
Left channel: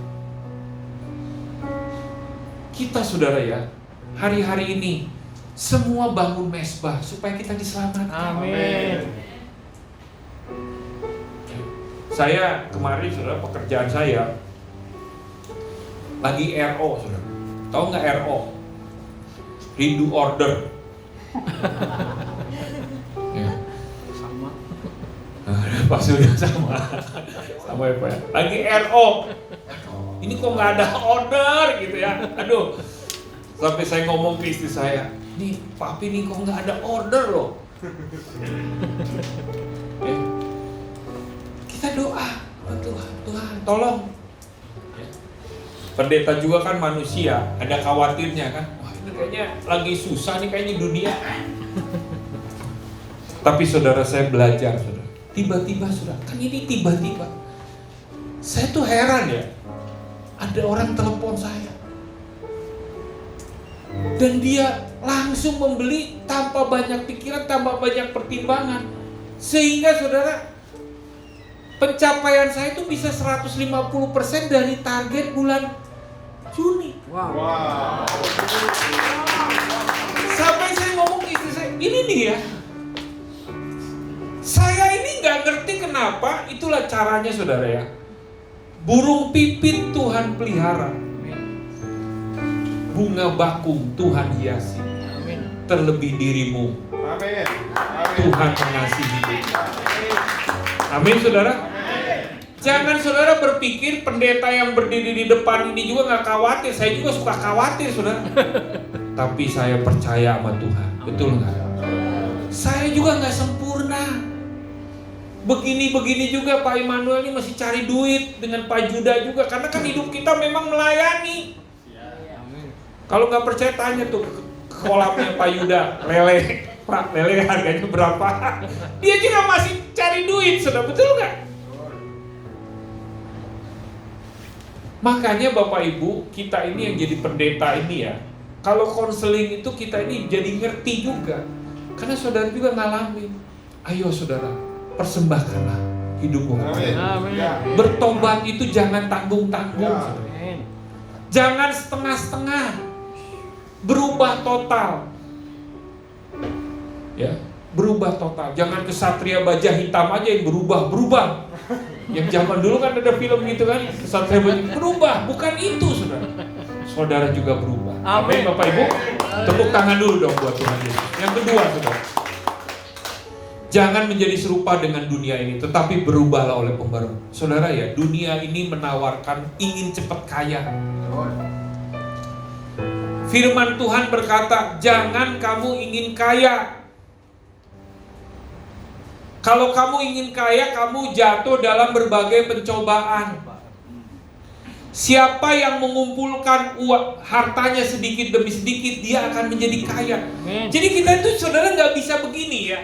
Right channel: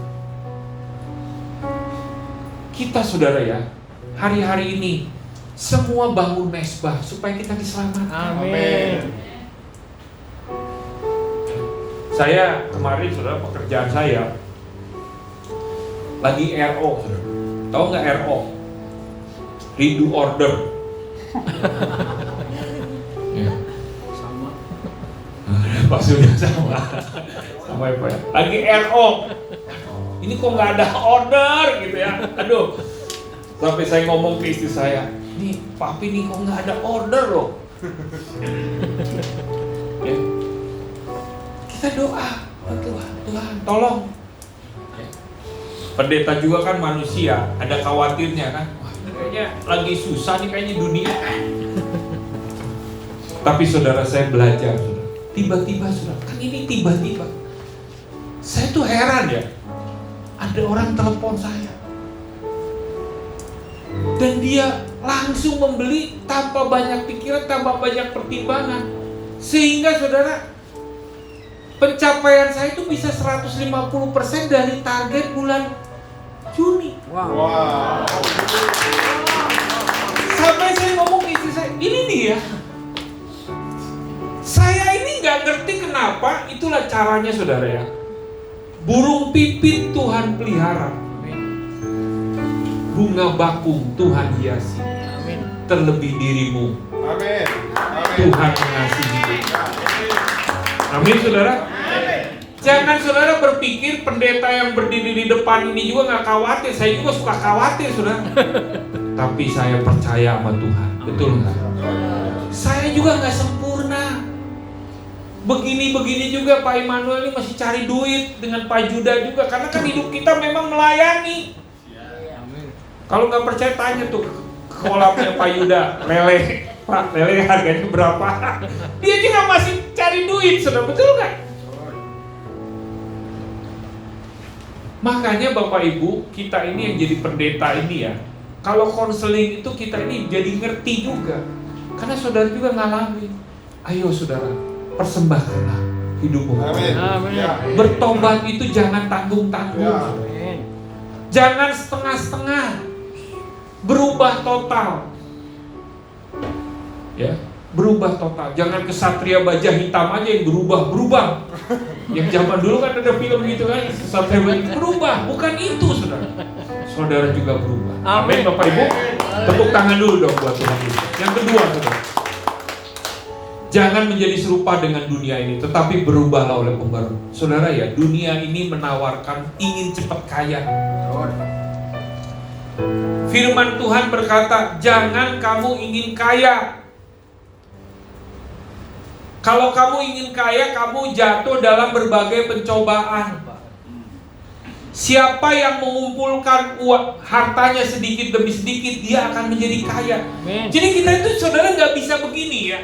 Kita saudara ya, hari-hari ini semua bangun mesbah supaya kita diselamatkan. Amin. Saya kemarin saudara, pekerjaan saya lagi RO, saudara. Tahu nggak RO? Rindu order. Ya. Sama. Pas sudah sama apa ya? Lagi RO. Ini kok nggak ada order gitu ya? Aduh. Sampai saya ngomong ke istri saya, nih papi nih kok nggak ada order loh. Ya. Kita doa, Tuhan tolong. Pendeta juga kan manusia, ada khawatirnya kan. Wah, ini kayaknya lagi susah nih kayaknya dunia. Tapi saudara saya belajar, saudara. Tiba-tiba saudara, kan ini tiba-tiba. Saya tuh heran ya. Ada orang telepon saya. Dan dia langsung membeli tanpa banyak pikiran, tanpa banyak pertimbangan. Sehingga saudara, pencapaian saya itu bisa 150% dari target bulan Juni. Wow. Sampai saya ngomong ke istri saya, ini dia. Saya ini nggak ngerti kenapa, itulah caranya saudara ya. Burung pipit Tuhan pelihara. Amin. Bunga bakung Tuhan hiasi. Amin. Terlebih dirimu, Amin. Tuhan mengasihi. Amin saudara. Jangan saudara berpikir pendeta yang berdiri di depan ini juga nggak khawatir. Saya juga suka khawatir saudara. Tapi saya percaya sama Tuhan. Betul nggak? Saya juga nggak sempurna. Begini-begini juga Pak Immanuel ini masih cari duit dengan Pak Juda juga. Karena kan hidup kita memang melayani. Amin. Kalau nggak percaya tanya tuh ke kolamnya Pak Yuda, lele. Pak, lele harganya berapa? Dia juga masih cari duit, sudah betul nggak? Makanya Bapak Ibu, kita ini yang jadi pendeta ini ya, kalau konseling itu kita ini jadi ngerti juga. Karena saudara juga ngalamin. Ayo saudara, persembahkanlah hidupmu. Amin. Bertobat itu jangan tanggung-tanggung. Amin. Jangan setengah-setengah. Berubah total. Ya, berubah total. Jangan kesatria baja hitam aja yang berubah. Yang zaman dulu kan ada film gitu kan, kesatria baja berubah. Bukan itu, saudara. Saudara juga berubah. Amin, Bapak Ibu. Tepuk tangan dulu dong buat Tuhan Yesus. Yang kedua, saudara. Jangan menjadi serupa dengan dunia ini, tetapi berubahlah oleh pembaruan. Saudara ya, dunia ini menawarkan ingin cepat kaya. Firman Tuhan berkata, jangan kamu ingin kaya. Kalau kamu ingin kaya, kamu jatuh dalam berbagai pencobaan. Siapa yang mengumpulkan uang, hartanya sedikit demi sedikit, dia akan menjadi kaya. Amin. Jadi kita itu saudara nggak bisa begini ya.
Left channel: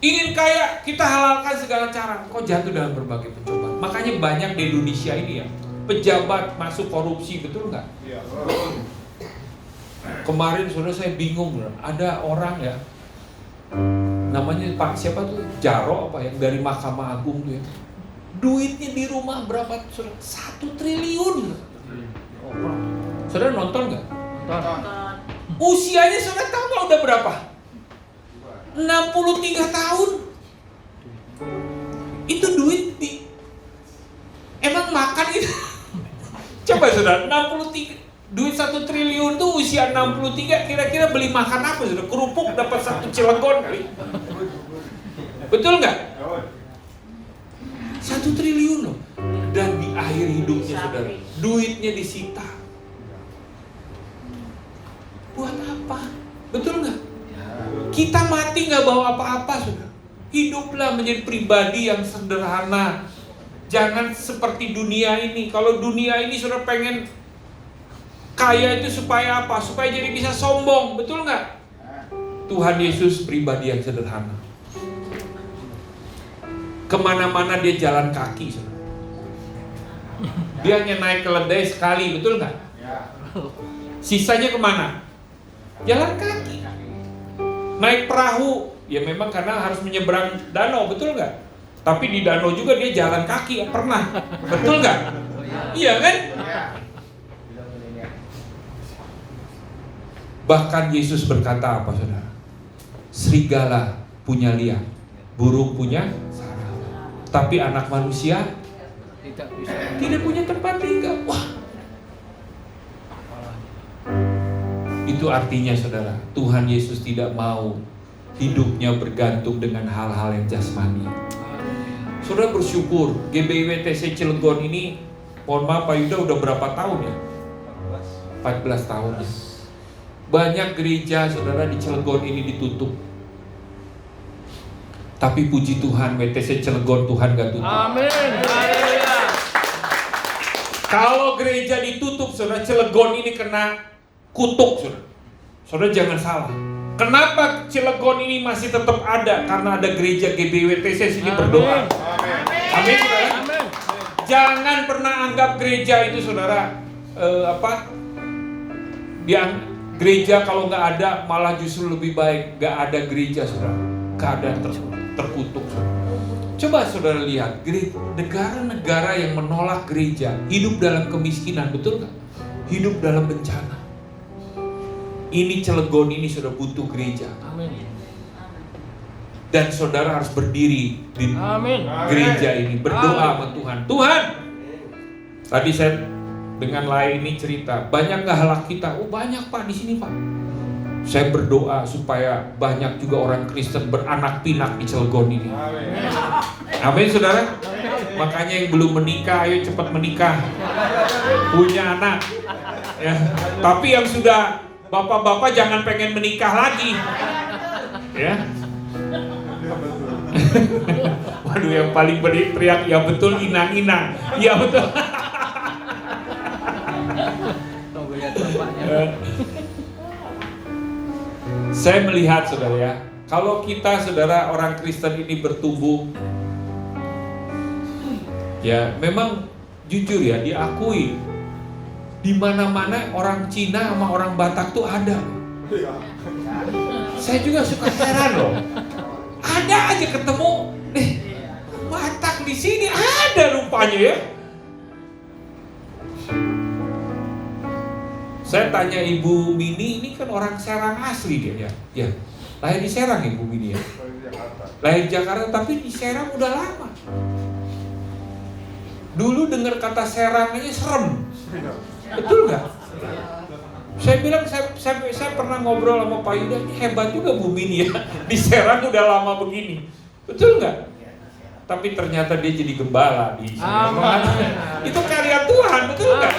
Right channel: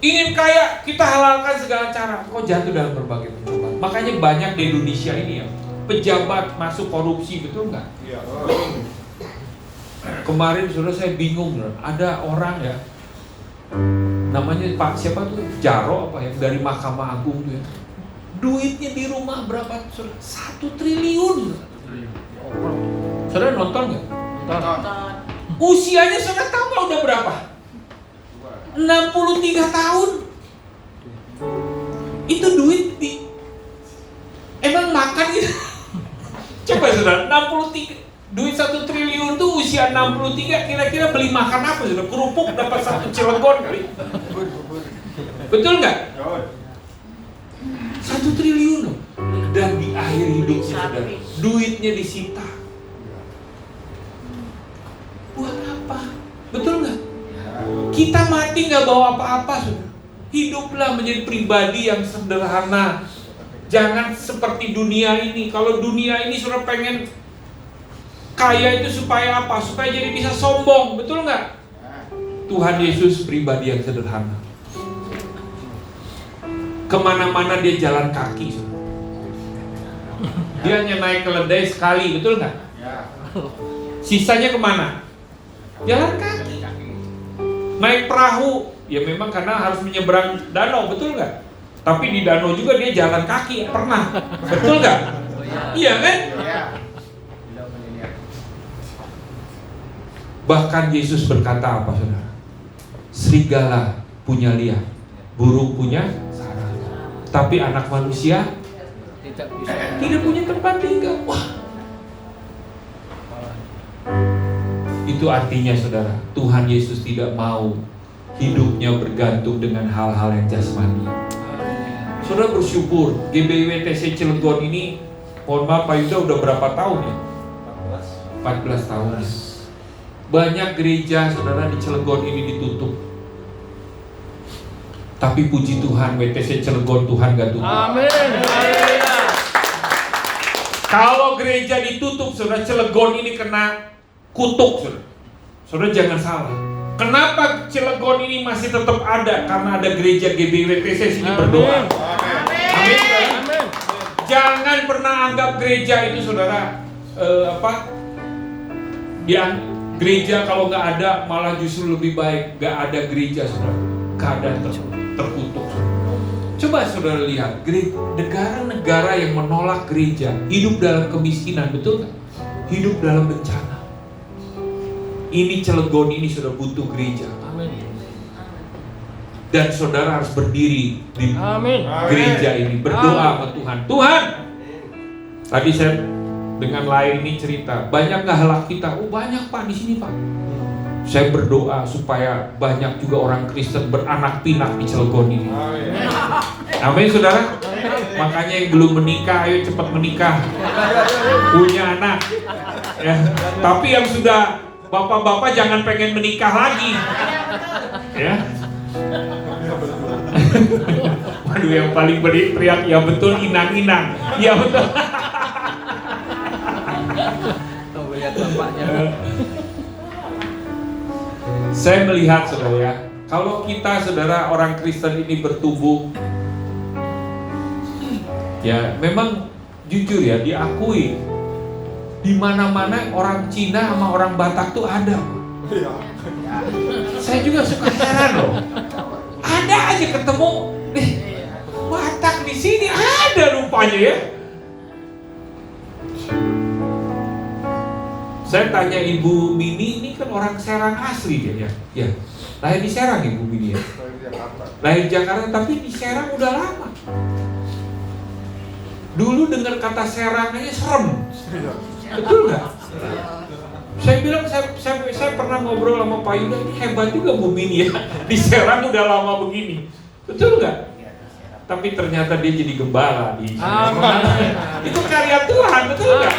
Ingin kaya, kita halalkan segala cara. Kok jatuh dalam berbagai pencobaan. Makanya banyak di Indonesia ini ya, pejabat masuk korupsi, betul nggak? Kemarin saudara saya bingung loh, ada orang ya, namanya Pak siapa tuh, Jaro apa yang dari Mahkamah Agung tuh ya, duitnya di rumah berapa? 1 triliun. Saudara nonton nggak? Nonton. Usianya saudara tahu nggak udah berapa? 63 tahun. Itu duit emang makan gitu. Coba saudara, 63 duit 1 triliun tuh usia 63, kira-kira beli makan apa saudara? Kerupuk dapat 1 Cilegon kali. Betul nggak? 1 triliun loh. Dan di akhir hidupnya saudara, duitnya disita. Buat apa? Betul nggak? Kita mati nggak bawa apa-apa saudara. Hiduplah menjadi pribadi yang sederhana. Jangan seperti dunia ini. Kalau dunia ini saudara pengen kaya itu supaya apa? Supaya jadi bisa sombong, betul nggak? Tuhan Yesus pribadi yang sederhana. Kemana-mana dia jalan kaki, saudara. Dia hanya naik keledai sekali, betul nggak? Sisanya kemana? Jalan kaki. Naik perahu, ya memang karena harus menyeberang danau, betul nggak? Tapi di danau juga dia jalan kaki, pernah, betul nggak? Iya kan? Bahkan Yesus berkata apa saudara? Serigala punya liang, burung punya sarang, tapi anak manusia tidak punya tempat tinggal. Wah, itu artinya saudara, Tuhan Yesus tidak mau hidupnya bergantung dengan hal-hal yang jasmani. Saudara bersyukur GBWTC Cilegon ini, mohon maaf Pak Yuda, udah berapa tahun ya? 14 tahun ya. Banyak gereja saudara di Cilegon ini ditutup. Tapi puji Tuhan, WTC Cilegon Tuhan gak tutup. Amin. Haleluya. Kalau gereja ditutup, saudara, Cilegon ini kena kutuk, saudara. Saudara jangan salah. Kenapa Cilegon ini masih tetap ada? Karena ada gereja GBWTC sini berdoa. Amin, saudara. Amin. Jangan pernah anggap gereja itu, saudara, gereja kalau nggak ada malah justru lebih baik. Nggak ada gereja, saudara. Keadaan terkutuk, saudara. Coba saudara lihat, negara-negara yang menolak gereja hidup dalam kemiskinan, betul nggak? Hidup dalam bencana. Ini Cilegon ini sudah butuh gereja. Amin. Dan saudara harus berdiri di Amin. gereja ini, berdoa sama Tuhan. Tuhan, tadi saya dengan lain ini cerita, banyak nggak halak kita? Oh banyak Pak di sini Pak. Saya berdoa supaya banyak juga orang Kristen beranak pinak di Cilegon ini. Amin saudara. Makanya yang belum menikah, ayo cepat menikah, punya anak. Ya. Tapi yang sudah bapak-bapak jangan pengen menikah lagi. Ya. Aduh, yang paling teriak ya betul, inang-inang. Ya betul. Tuh lihat bapaknya. Saya melihat saudara ya, kalau kita saudara orang Kristen ini bertumbuh, ya memang jujur ya diakui, di mana-mana orang Cina sama orang Batak tuh ada. Saya juga suka heran loh, ada aja ketemu, Batak di sini ada rupanya ya. Saya tanya Ibu Mini, ini kan orang Serang asli dia ya? Ya, lahir di Serang Ibu Mini ya? Lahir di Jakarta, tapi di Serang udah lama. Dulu dengar kata Serang aja serem, betul nggak? Saya bilang, saya pernah ngobrol sama Pak Yuda, ini hebat juga Bu Mini ya, di Serang udah lama begini, betul nggak? Tapi ternyata dia jadi gembala di Serang. Amin. Itu karya Tuhan, betul nggak?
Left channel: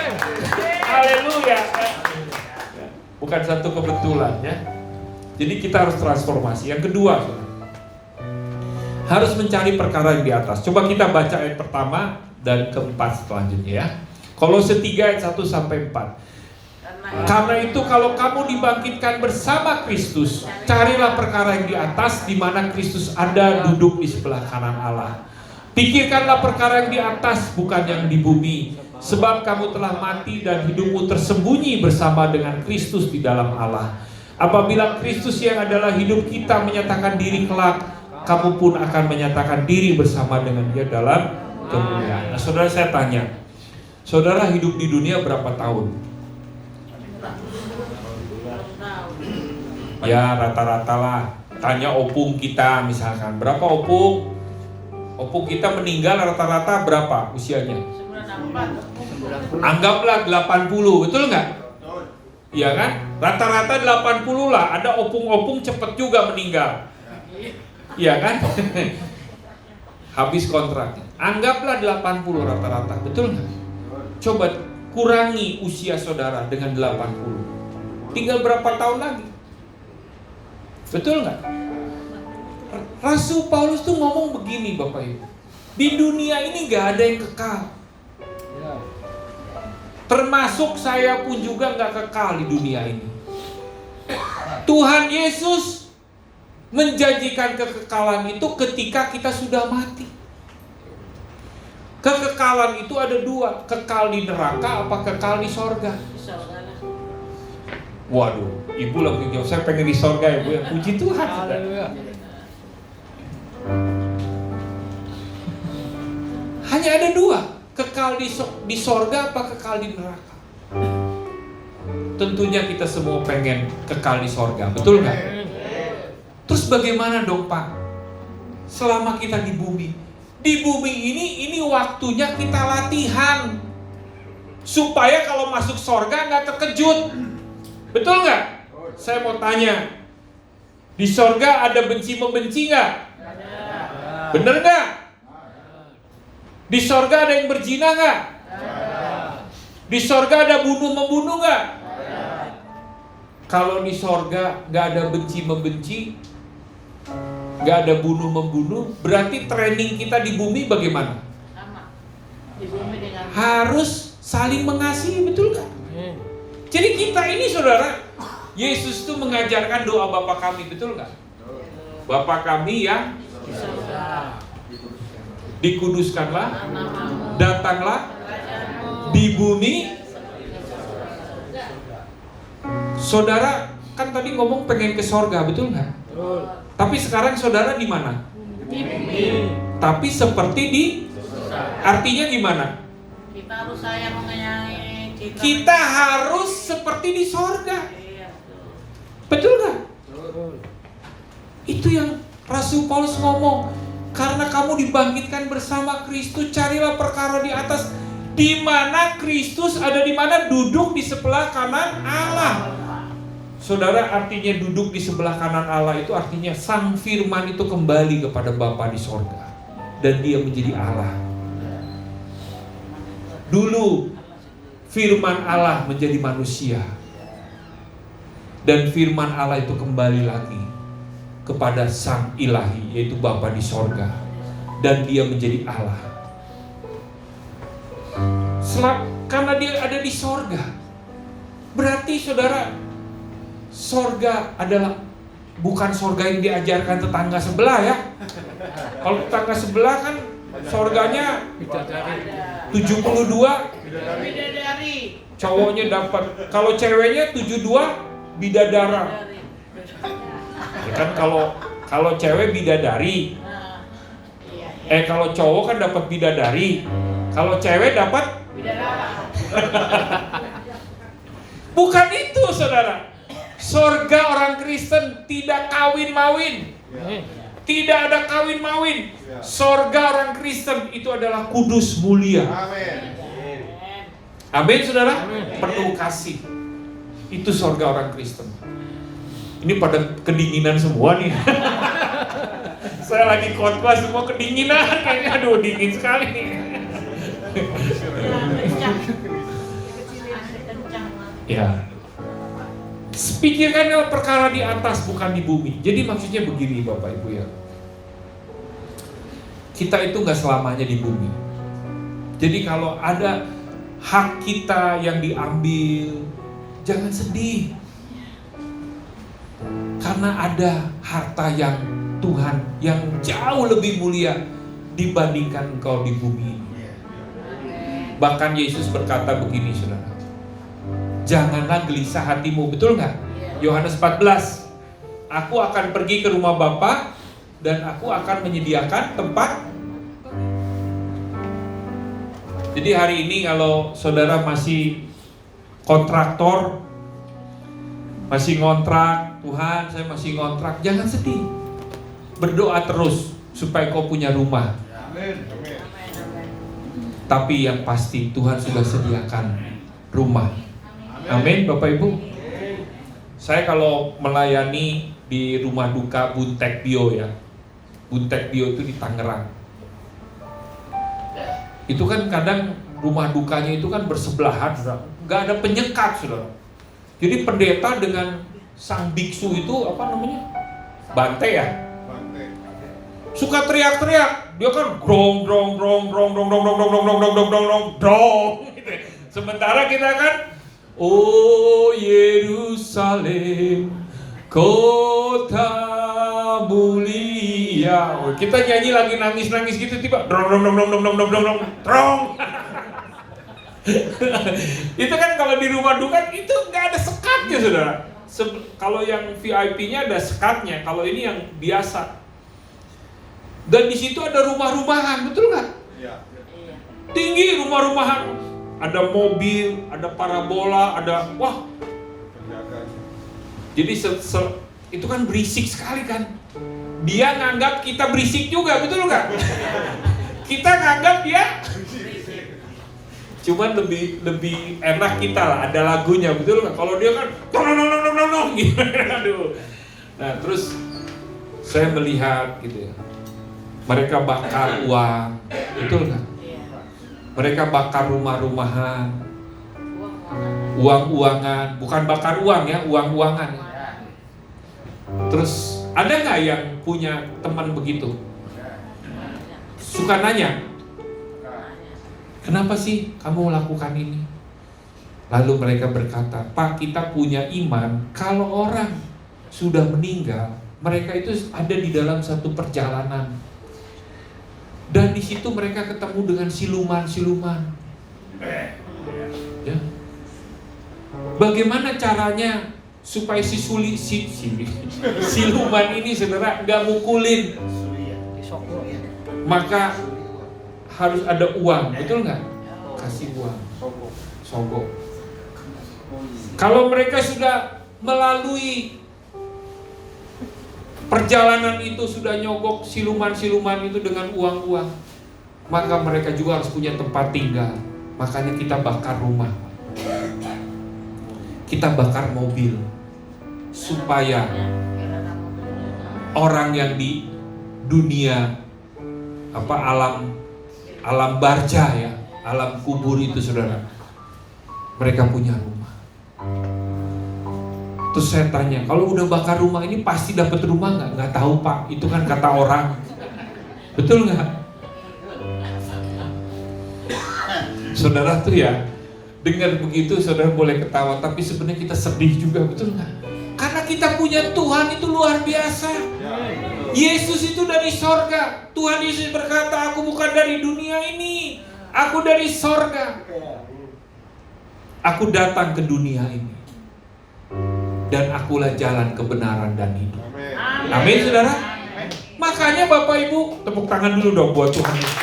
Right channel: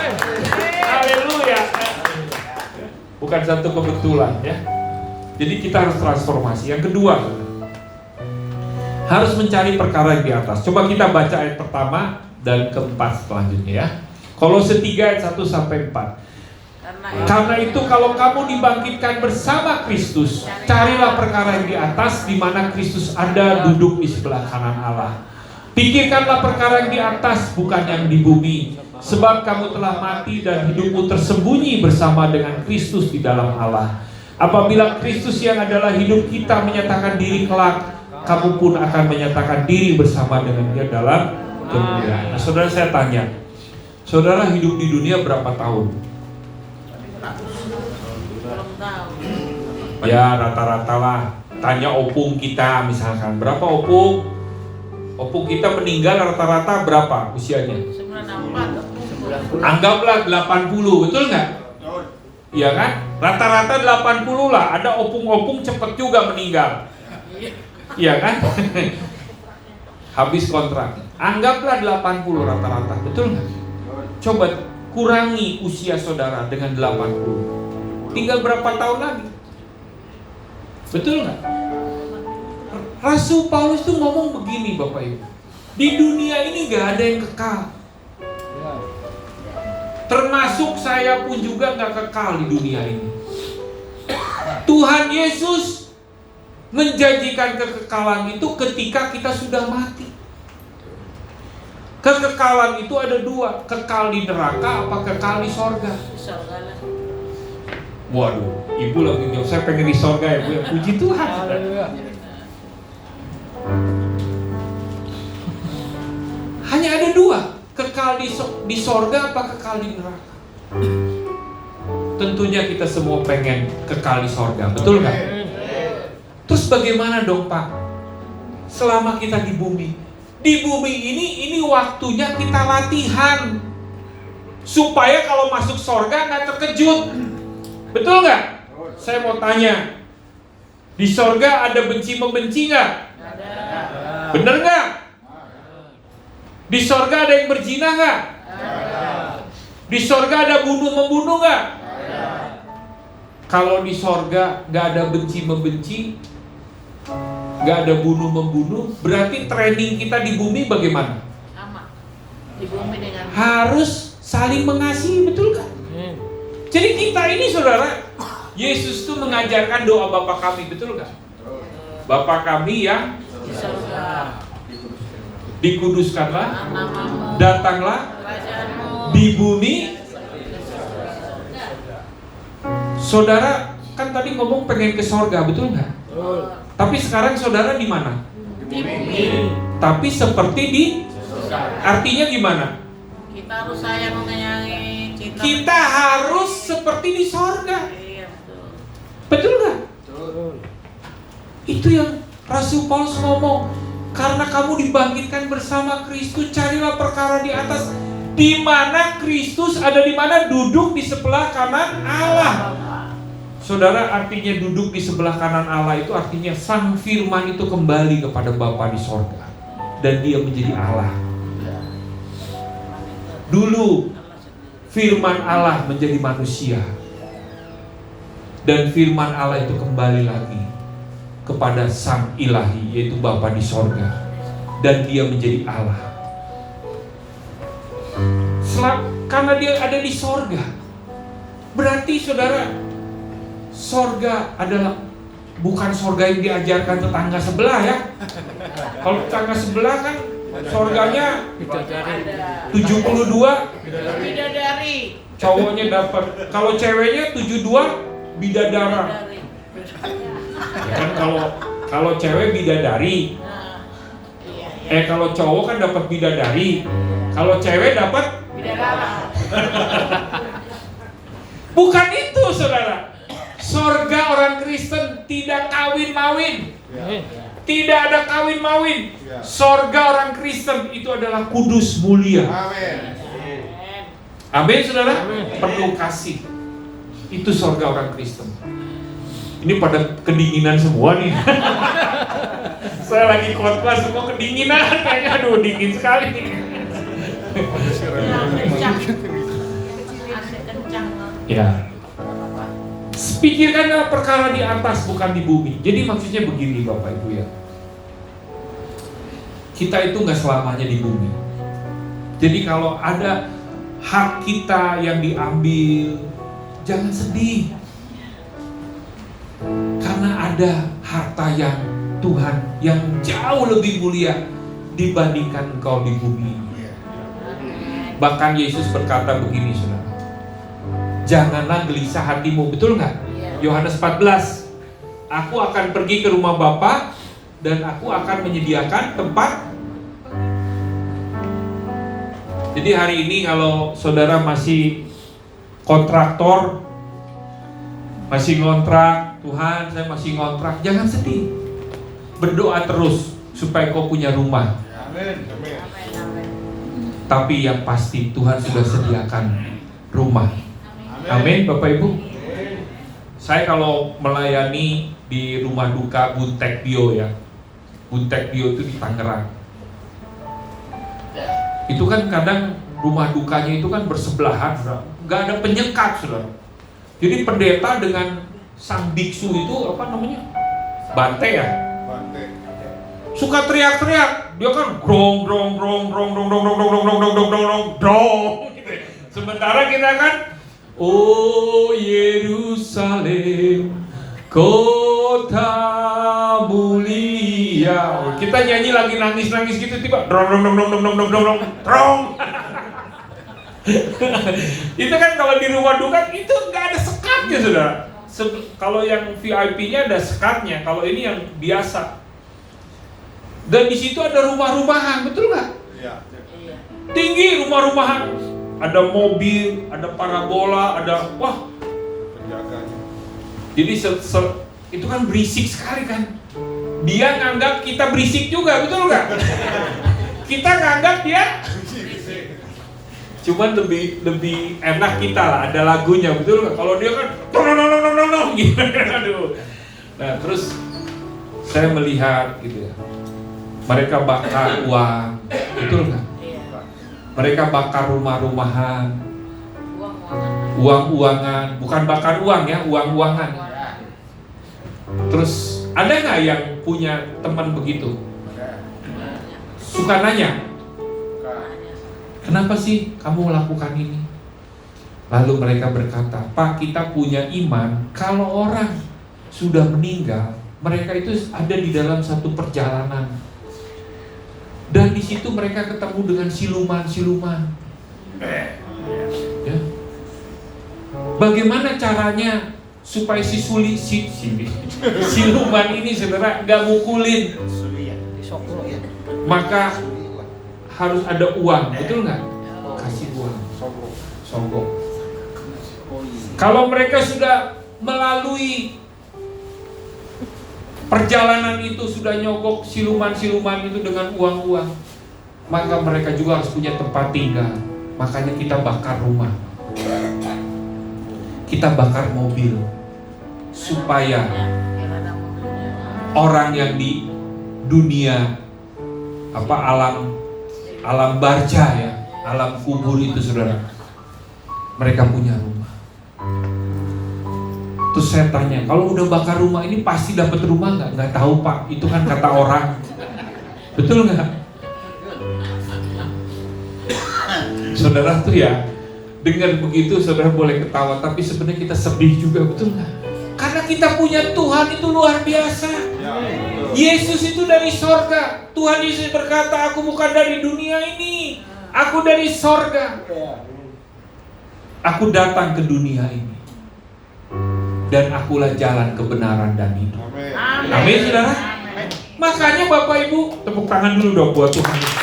Haleluya. Bukan satu kebetulan ya. Jadi kita harus transformasi. Yang kedua, harus mencari perkara yang di atas. Coba kita baca ayat pertama dan keempat selanjutnya ya. Kolose 3 ayat 1 sampai 4. Karena itu kalau kamu dibangkitkan bersama Kristus, carilah perkara yang di atas, di mana Kristus ada duduk di sebelah kanan Allah. Pikirkanlah perkara yang di atas, bukan yang di bumi. Sebab kamu telah mati dan hidupmu tersembunyi bersama dengan Kristus di dalam Allah. Apabila Kristus yang adalah hidup kita menyatakan diri kelak, kamu pun akan menyatakan diri bersama dengan Dia dalam kemuliaan. Nah, saudara, saya tanya, saudara hidup di dunia berapa tahun? Ya rata-rata lah. Tanya opung kita misalkan, berapa opung? Opung kita meninggal rata-rata berapa usianya? 94. Anggaplah 80, betul nggak? Iya kan? Rata-rata 80 lah. Ada opung-opung cepet juga meninggal. Iya kan? Habis kontrak. Anggaplah 80 rata-rata, betul nggak? Coba kurangi usia saudara dengan 80. Tinggal berapa tahun lagi? Betul nggak? Rasul Paulus tuh ngomong begini Bapak Ibu. Di dunia ini nggak ada yang kekal. Termasuk saya pun juga gak kekal di dunia ini. Tuhan Yesus menjanjikan kekekalan itu ketika kita sudah mati. Kekekalan itu ada dua, kekal di neraka apa kekal di sorga. Waduh, Ibu lagi jawab, saya pengen di sorga ya Bu ya. Puji Tuhan. Haleluya. Hanya ada dua, kekal di sorga apa kekal di neraka. Tentunya kita semua pengen kekal di sorga, betul nggak? Terus bagaimana dong Pak? Selama kita di bumi ini waktunya kita latihan supaya kalau masuk sorga nggak terkejut, betul nggak? Saya mau tanya, di sorga ada benci membenci nggak? Bener nggak? Di sorga ada yang berzina nggak? Di sorga ada bunuh-membunuh nggak? Kalau di sorga nggak ada benci-membenci, nggak ada bunuh-membunuh, berarti training kita di bumi bagaimana? Sama. Di bumi dengan Harus saling mengasihi, betul nggak? Jadi kita ini saudara, Yesus tuh mengajarkan doa Bapa kami, betul nggak? Bapa kami yang di surga. dikuduskanlah, Namamu. datanglah Kerajaanmu. di bumi. Seperti di surga. Saudara kan tadi ngomong pengen ke sorga, betul nggak? Betul. Tapi sekarang saudara di mana? Di bumi. Tapi seperti di, artinya gimana? Kita harus sayang menyayangi kita. Kita harus seperti di sorga, Iya, betul. betul nggak? Betul. Itu yang Rasul Paulus ngomong, karena kamu dibangkitkan bersama Kristus, carilah perkara di atas, di mana Kristus ada, di mana duduk di sebelah kanan Allah. Saudara, artinya duduk di sebelah kanan Allah itu artinya Sang Firman itu kembali kepada Bapa di sorga dan dia menjadi Allah. Dulu Firman Allah menjadi manusia dan Firman Allah itu kembali lagi kepada Sang Ilahi, yaitu Bapa di sorga, dan dia menjadi Allah. Karena dia ada di sorga, berarti saudara, sorga adalah bukan sorga yang diajarkan tetangga sebelah ya. Kalau tetangga sebelah kan sorganya Bidadari. 72, Bidadari. cowoknya dapat. Kalau ceweknya 72 bidadara. Bidadari. Ya kan kalau cewek bidadari, Nah, iya. kalau cowok kan dapat bidadari, kalau cewek dapat. Bidadara. Bukan itu saudara. Sorga orang Kristen tidak kawin-mawin, tidak ada kawin-mawin. Sorga orang Kristen itu adalah kudus, mulia. Amin. Amin saudara. Amin. Penuh kasih. Itu sorga orang Kristen. Ini pada kedinginan semua nih. Saya lagi khotbah semua kedinginan, kayaknya aduh dingin sekali nih. Ya. Pikirkanlah perkara di atas, bukan di bumi. Jadi maksudnya begini Bapak Ibu ya. Kita itu nggak selamanya di bumi. Jadi kalau ada hak kita yang diambil, jangan sedih. Karena ada harta yang Tuhan yang jauh lebih mulia dibandingkan engkau di bumi ini. Bahkan Yesus berkata begini saudara, janganlah gelisah hatimu, betul nggak? Yohanes 14, aku akan pergi ke rumah Bapa dan aku akan menyediakan tempat. Jadi hari ini kalau saudara masih kontraktor, masih ngontrak, Tuhan saya masih ngontrak, jangan sedih. Berdoa terus supaya kau punya rumah. Amin. Amin. Tapi yang pasti Tuhan sudah sediakan rumah. Amin Bapak Ibu. Saya kalau melayani di rumah duka Buntek Bio ya. Buntek Bio itu di Tangerang. Itu kan kadang rumah dukanya itu kan bersebelahan, nggak ada penyekat sudah. Jadi pendeta dengan sang biksu itu apa namanya? Bante ya. Bante. Suka teriak-teriak, dia kan grong grong grong grong grong grong grong grong grong grong grong grong grong grong. Sementara kita kan, oh Yerusalem, kota mulia. Kita nyanyi lagi nangis-nangis gitu tiba drong drong drong drong drong drong drong drong. Itu kan kalau di rumah duka itu nggak ada sekatnya saudara. Kalau yang VIP-nya ada sekatnya, kalau ini yang biasa. Dan di situ ada rumah-rumahan, betul nggak? Iya. Tinggi rumah-rumahan, ada mobil, ada parabola, ada wah. Penjaganya. Jadi itu kan berisik sekali kan. Dia nganggap kita berisik juga, betul nggak? Kita nganggap dia. Cuman lebih enak kita lah, ada lagunya, betul nggak? Kalau dia kan, gitu, aduh. Nah terus saya melihat gitu ya, mereka bakar uang, betul nggak? Mereka bakar rumah-rumahan, uang-uangan, bukan bakar uang ya, uang-uangan. Terus ada nggak yang punya teman begitu? Suka nanya, kenapa sih kamu lakukan ini? Lalu mereka berkata, Pak, kita punya iman. Kalau orang sudah meninggal, mereka itu ada di dalam satu perjalanan. Dan di situ mereka ketemu dengan siluman-siluman. Ya. Bagaimana caranya supaya siluman ini saudara nggak mukulin? Maka harus ada uang, betul nggak? Kasih uang, sogok. Kalau mereka sudah melalui perjalanan itu, sudah nyogok siluman-siluman itu dengan uang-uang, maka mereka juga harus punya tempat tinggal. Makanya kita bakar rumah, kita bakar mobil, supaya orang yang di dunia alam barca ya, alam kubur itu saudara, mereka punya rumah. Terus saya tanya, kalau udah bakar rumah ini pasti dapat rumah nggak? Nggak tahu Pak, itu kan kata orang. Betul nggak? Saudara tuh ya, dengar begitu saudara boleh ketawa, tapi sebenarnya kita sedih juga, betul nggak? Karena kita punya Tuhan itu luar biasa. Yesus itu dari sorga. Tuhan Yesus berkata, aku bukan dari dunia ini, aku dari sorga. Aku datang ke dunia ini, dan akulah jalan kebenaran dan hidup. Amin, saudara. Makanya Bapak Ibu, tepuk tangan dulu dong buat Tuhan Yesus.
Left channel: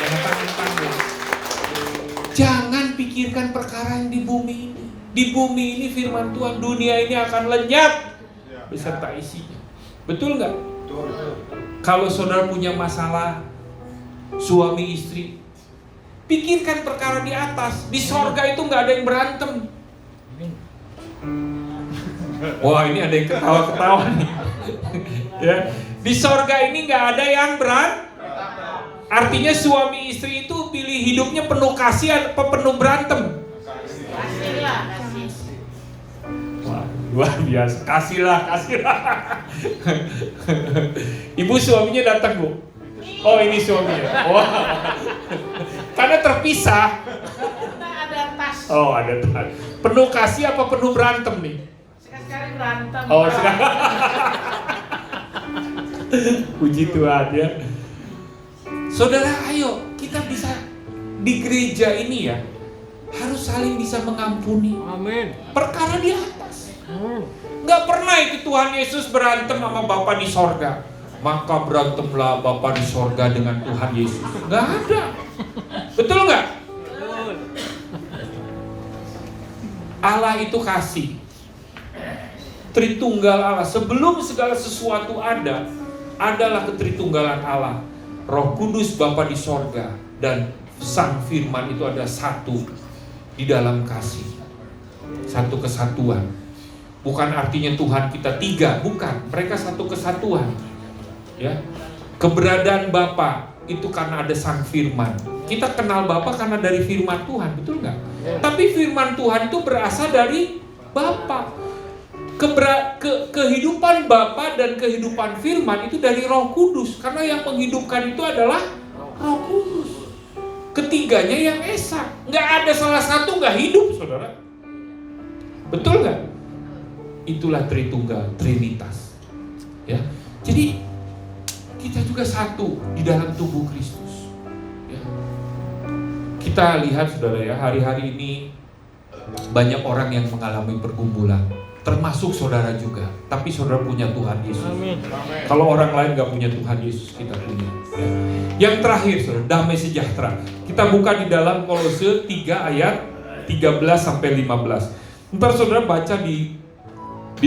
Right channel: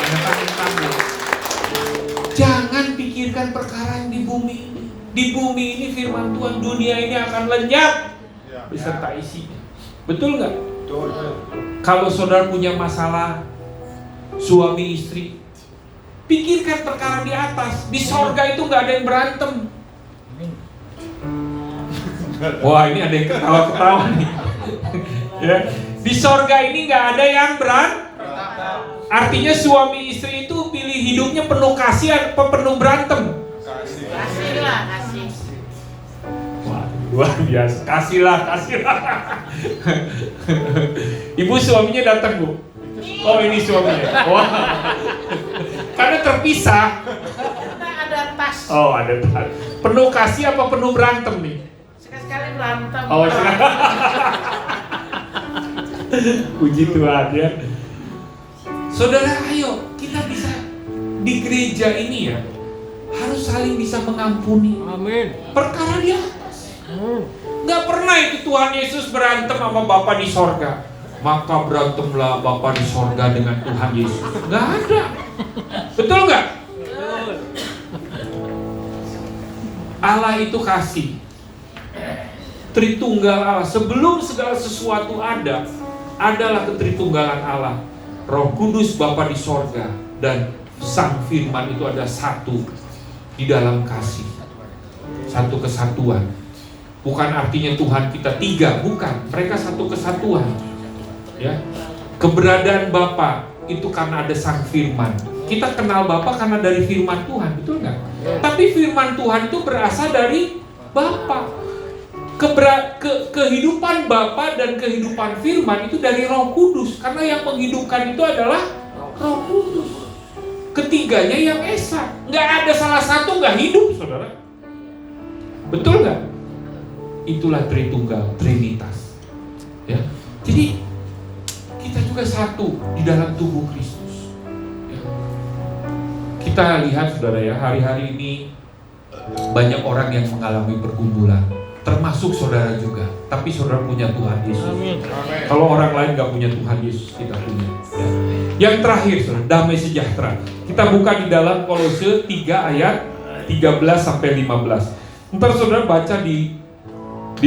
Jangan pikirkan perkara yang di bumi ini. Di bumi ini firman Tuhan, dunia ini akan lenyap beserta isinya. Betul nggak? Kalau saudara punya masalah suami istri, pikirkan perkara di atas. Di sorga itu nggak ada yang berantem. Wah, ini ada yang ketawa-ketawa nih. Ya, di sorga ini nggak ada yang berantem. Artinya suami istri itu pilih hidupnya penuh kasih atau penuh berantem? Kasih. Wah, luar biasa. Kasihlah. Ibu suaminya datang, Bu. Oh, ini suaminya. Wah. Karena terpisah. Ada tas. Oh, ada tas. Penuh kasih apa penuh berantem nih? Sekali berantem. Oh, puji Tuhan ya. Saudara, ayo kita bisa di gereja ini ya, harus saling bisa mengampuni. Amin. Perkara di atas. Nggak pernah itu Tuhan Yesus berantem sama Bapa di sorga. Maka berantemlah Bapa di sorga dengan Tuhan Yesus. Nggak ada. Betul nggak? Betul. Allah itu kasih. Tritunggal Allah. Sebelum segala sesuatu ada, adalah ketritunggalan Allah. Roh Kudus Bapa di sorga dan Sang Firman itu ada satu di dalam kasih, satu kesatuan. Bukan artinya Tuhan kita tiga, bukan. Mereka satu kesatuan. Ya, keberadaan Bapa itu karena ada Sang Firman. Kita kenal Bapa karena dari Firman Tuhan, betul nggak? Tapi Firman Tuhan itu berasal dari Bapa. Kehidupan Bapa dan kehidupan Firman itu dari Roh Kudus, karena yang menghidupkan itu adalah Roh Kudus. Ketiganya yang esa, nggak ada salah satu nggak hidup, saudara. Betul nggak? Itulah Tritunggal, Trinitas. Ya, jadi kita juga satu di dalam tubuh Kristus. Ya. Kita lihat, saudara ya, hari-hari ini banyak orang yang mengalami pergumulan. Termasuk saudara juga, tapi saudara punya Tuhan Yesus. Amin. Kalau orang lain nggak punya Tuhan Yesus, kita punya. Ya. Yang terakhir, saudara, damai sejahtera. Kita buka di dalam Kolose 3 ayat 13 sampai 15. Ntar saudara baca di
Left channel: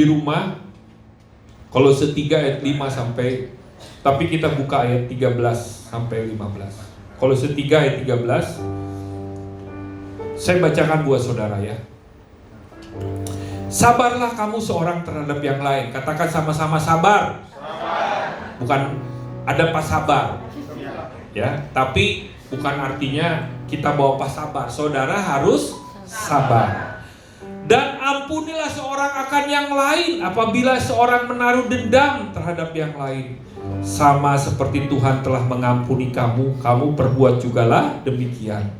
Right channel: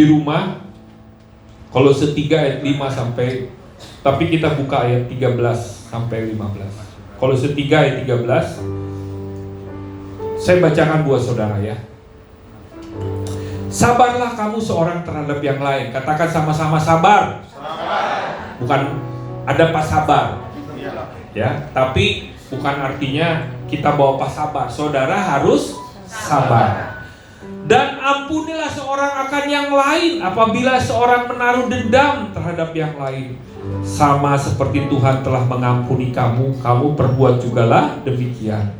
rumah Kolose 3 ayat 5 sampai, tapi kita buka ayat 13 sampai 15. Kolose 3 ayat 13. Saya bacakan buat saudara ya. Sabarlah kamu seorang terhadap yang lain. Katakan sama-sama sabar. Bukan ada pas sabar. Ya, tapi bukan artinya kita bawa pas sabar. Saudara harus sabar. Dan ampunilah seorang akan yang lain apabila seorang menaruh dendam terhadap yang lain. Sama seperti Tuhan telah mengampuni kamu, kamu perbuat jugalah demikian.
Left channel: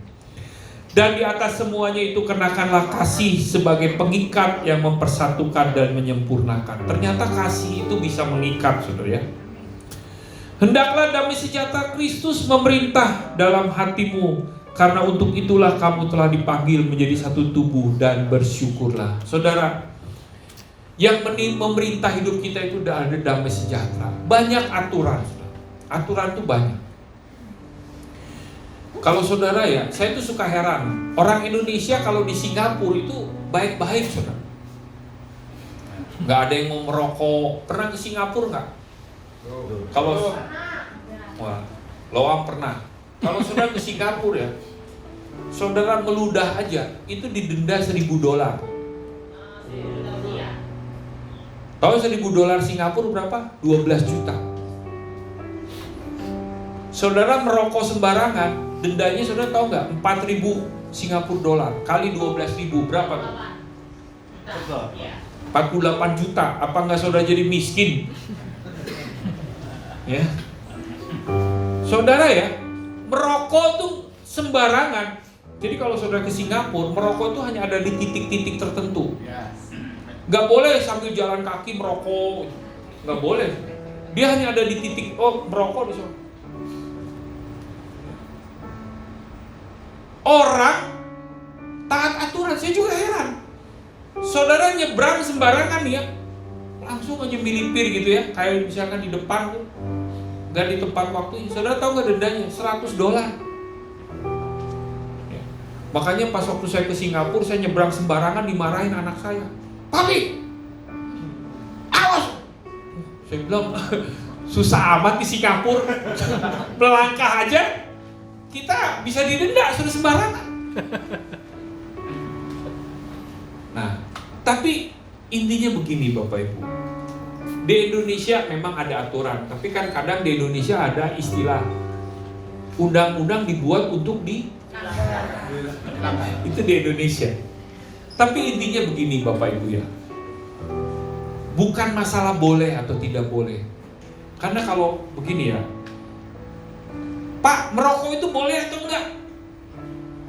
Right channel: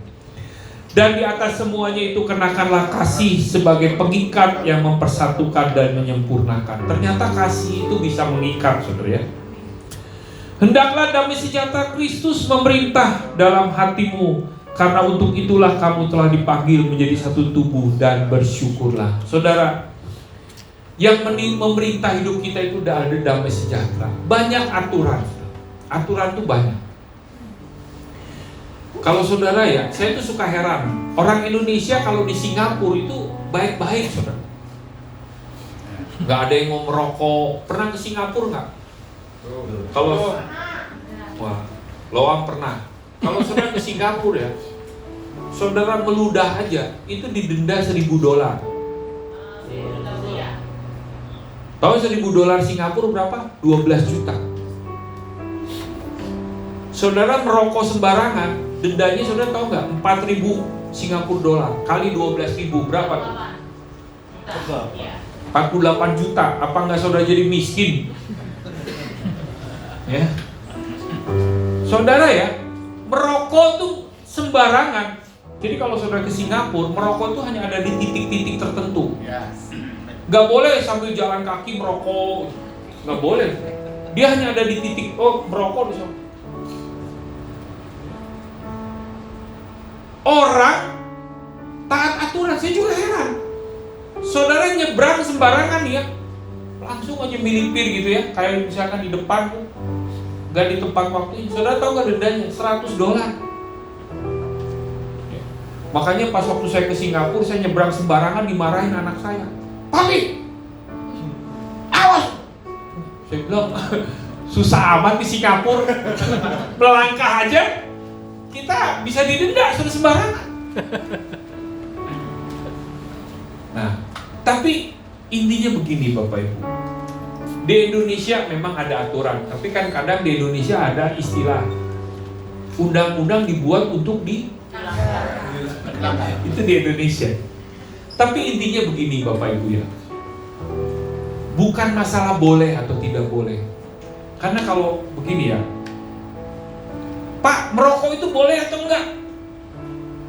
Dan di atas semuanya itu kenakanlah kasih sebagai pengikat yang mempersatukan dan menyempurnakan. Ternyata kasih itu bisa mengikat, saudara ya. Hendaklah damai sejahtera Kristus memerintah dalam hatimu, karena untuk itulah kamu telah dipanggil menjadi satu tubuh, dan bersyukurlah. Saudara, yang memerintah hidup kita itu udah ada damai sejahtera. Banyak aturan. Aturan itu banyak. Kalau saudara ya, saya tuh suka heran. Orang Indonesia kalau di Singapura itu baik-baik, saudara. Gak ada yang mau merokok. Pernah ke Singapura nggak? Kalau wah, Loam pernah. Kalau saudara ke Singapura ya, saudara meludah aja itu didenda $1.000. Tahu $1.000 Singapura berapa? 12 juta. Saudara merokok sembarangan, dendanya saudara tahu nggak? 4.000 Singapura dolar kali 12.000 berapa tuh? 48 juta. Apa nggak saudara jadi miskin? Ya, saudara ya, merokok tuh sembarangan. Jadi kalau saudara ke Singapura, merokok tuh hanya ada di titik-titik tertentu. Gak boleh sambil jalan kaki merokok, gak boleh. Dia hanya ada di titik, merokok di sana. Orang taat aturan, saya juga heran. Saudara nyebrang sembarangan ya, langsung aja milipir gitu ya, kayak misalkan di depan tuh, gak di tempat waktu. Saudara tahu gak dendanya? $100. Makanya pas waktu saya ke Singapura, saya nyebrang sembarangan, dimarahin anak saya. Papi, awas! Saya bilang, susah amat di Singapura. Melangkah aja, kita bisa didenda sudah sembarangan. Nah, tapi intinya begini Bapak Ibu. Di Indonesia memang ada aturan, tapi kan kadang di Indonesia ada istilah undang-undang dibuat untuk itu di Indonesia. Tapi intinya begini Bapak Ibu ya, bukan masalah boleh atau tidak boleh. Karena kalau begini ya, Pak, merokok itu boleh atau enggak?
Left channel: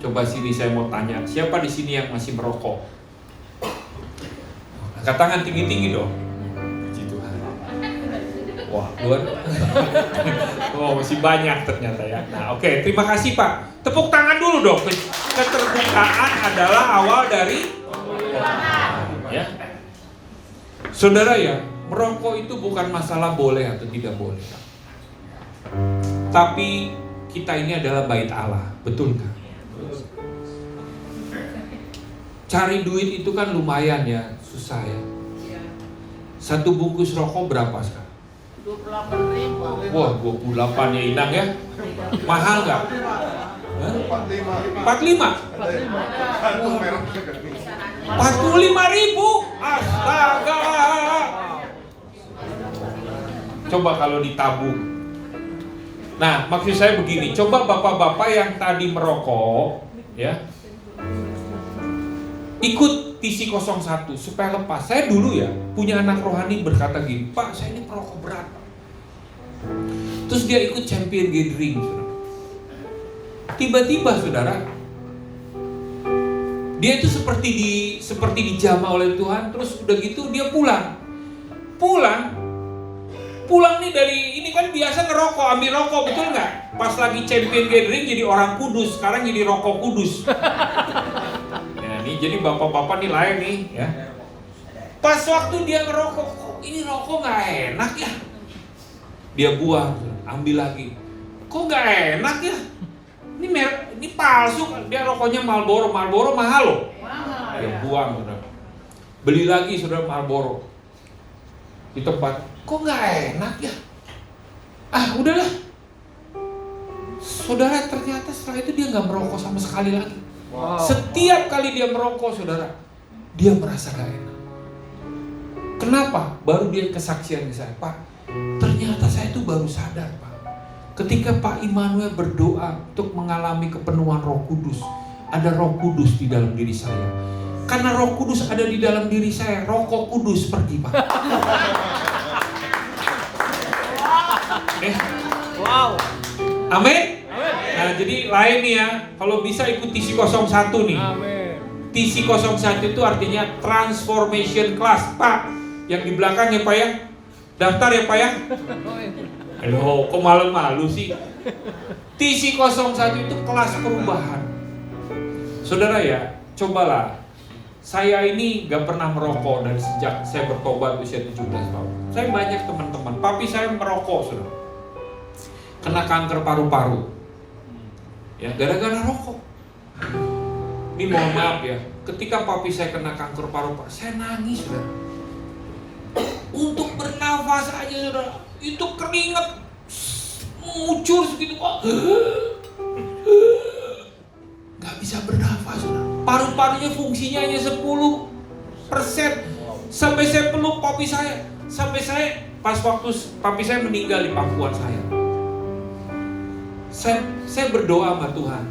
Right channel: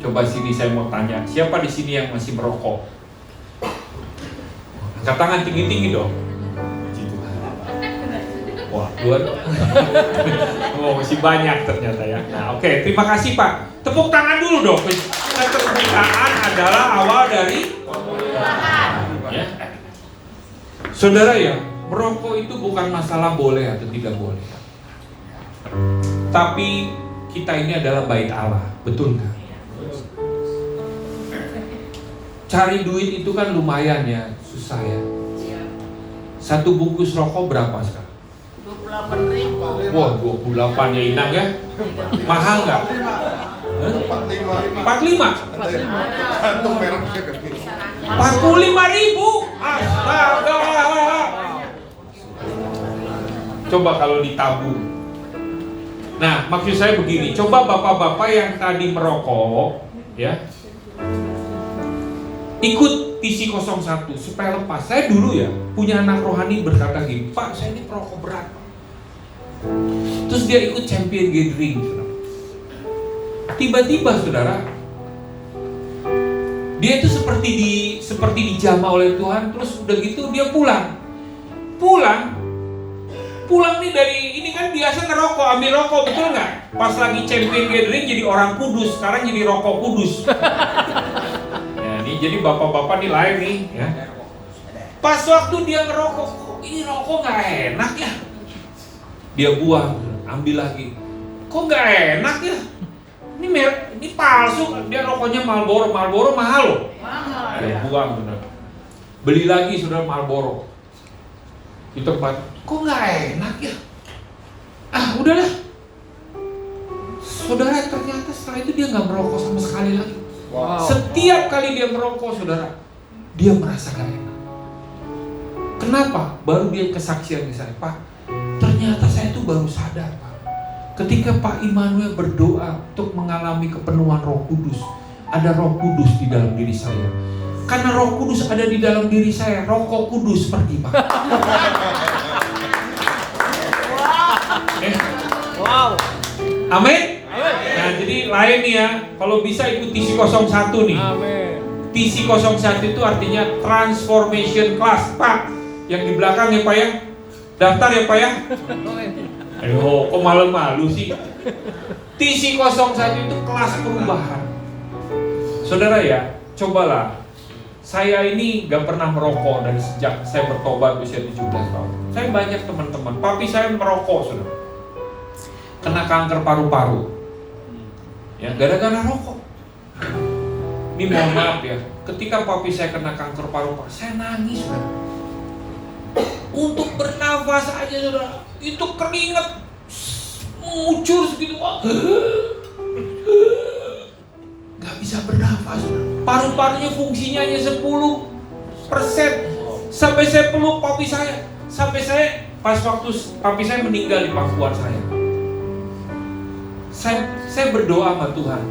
Coba sini saya mau tanya, siapa di sini yang masih merokok? Angkat tangan tinggi-tinggi dong. Puji Tuhan. Wah, luar. Oh, masih banyak ternyata ya. Nah, oke, terima kasih Pak. Tepuk tangan dulu dong. Keterbukaan adalah awal dari ya. Saudara ya, merokok itu bukan masalah boleh atau tidak boleh. Tapi kita ini adalah bait Allah, betul nggak? Cari duit itu kan lumayan ya, susah ya. Satu bungkus rokok berapa sekarang? 28.000. Wah, 28 ya Inang ya. Mahal nggak? 45? 45.000? Astaga. Coba kalau ditabung. Nah, maksud saya begini, coba bapak-bapak yang tadi merokok, ya, ikut TC01 supaya lepas. Saya dulu ya, punya anak rohani berkata gini, Pak, saya ini perokok berat. Terus dia ikut champion gathering, saudara. Tiba-tiba, saudara, dia itu seperti dijamah oleh Tuhan. Terus udah gitu dia pulang nih dari ini kan biasa ngerokok, ambil rokok, betul nggak? Pas lagi champion gathering jadi orang kudus, sekarang jadi rokok kudus. Ya, ini jadi bapak-bapak nih lain nih, ya. Pas waktu dia ngerokok, kok ini rokok nggak enak ya? Dia buang, ambil lagi. Kok nggak enak ya? Ini palsu, dia rokoknya Marlboro mahal loh. Dia buang, saudara. Beli lagi saudara Marlboro di tempat. Kok nggak enak ya? Udahlah. Saudara, ternyata setelah itu dia nggak merokok sama sekali lagi. Wow. Setiap kali dia merokok, saudara, dia merasa gak enak. Kenapa? Baru dia kesaksian ke saya, Pak, ternyata saya tuh baru sadar, Pak. Ketika Pak Immanuel berdoa untuk mengalami kepenuhan Roh Kudus, ada Roh Kudus di dalam diri saya. Karena Roh Kudus ada di dalam diri saya, Roh Kudus pergi, Pak. Wow. Amin. Amin. Nah, jadi lain nih ya. Kalau bisa ikut TC 01 nih. Amin. TC 01 itu artinya Transformation Class, Pak. Yang di belakang ya, Pak ya. Daftar ya, Pak ya. Kok malu-malu sih? TC 01 itu kelas perubahan. Saudara ya, cobalah. Saya ini gak pernah merokok dari sejak saya bertobat usia 17 tahun. Saya banyak teman-teman, papi saya merokok, saudara. Kena kanker paru-paru. Ya, gara-gara rokok. Ini mohon maaf ya, ketika papi saya kena kanker paru-paru, saya nangis, saudara. Untuk bernafas aja, saudara, itu keringat mengucur segitu. Gak bisa bernafas, saudara. Paru-parunya fungsinya hanya 10%. Sampai saya peluk papi saya. Sampai saya, pas waktu papi saya meninggal di pangkuan saya. Saya berdoa sama Tuhan.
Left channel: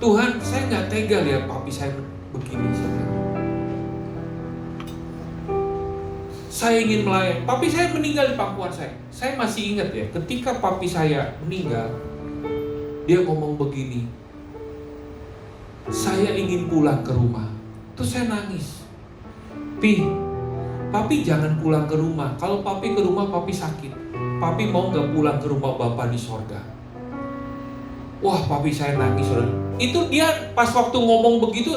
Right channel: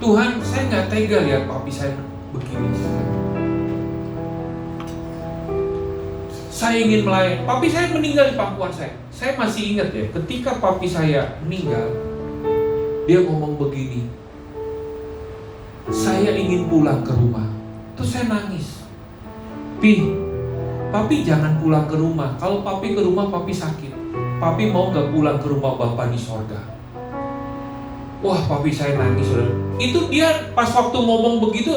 Tuhan, saya gak tega lihat papi saya begini. Saya ingin melayani. Papi saya meninggal di pangkuan saya. Saya masih ingat ya, ketika papi saya meninggal, dia ngomong begini, saya ingin pulang ke rumah. Terus saya nangis. Papi jangan pulang ke rumah. Kalau papi ke rumah, papi sakit. Papi mau gak pulang ke rumah Bapa di sorga. Wah, papi saya nangis, saudara. Itu dia pas waktu ngomong begitu,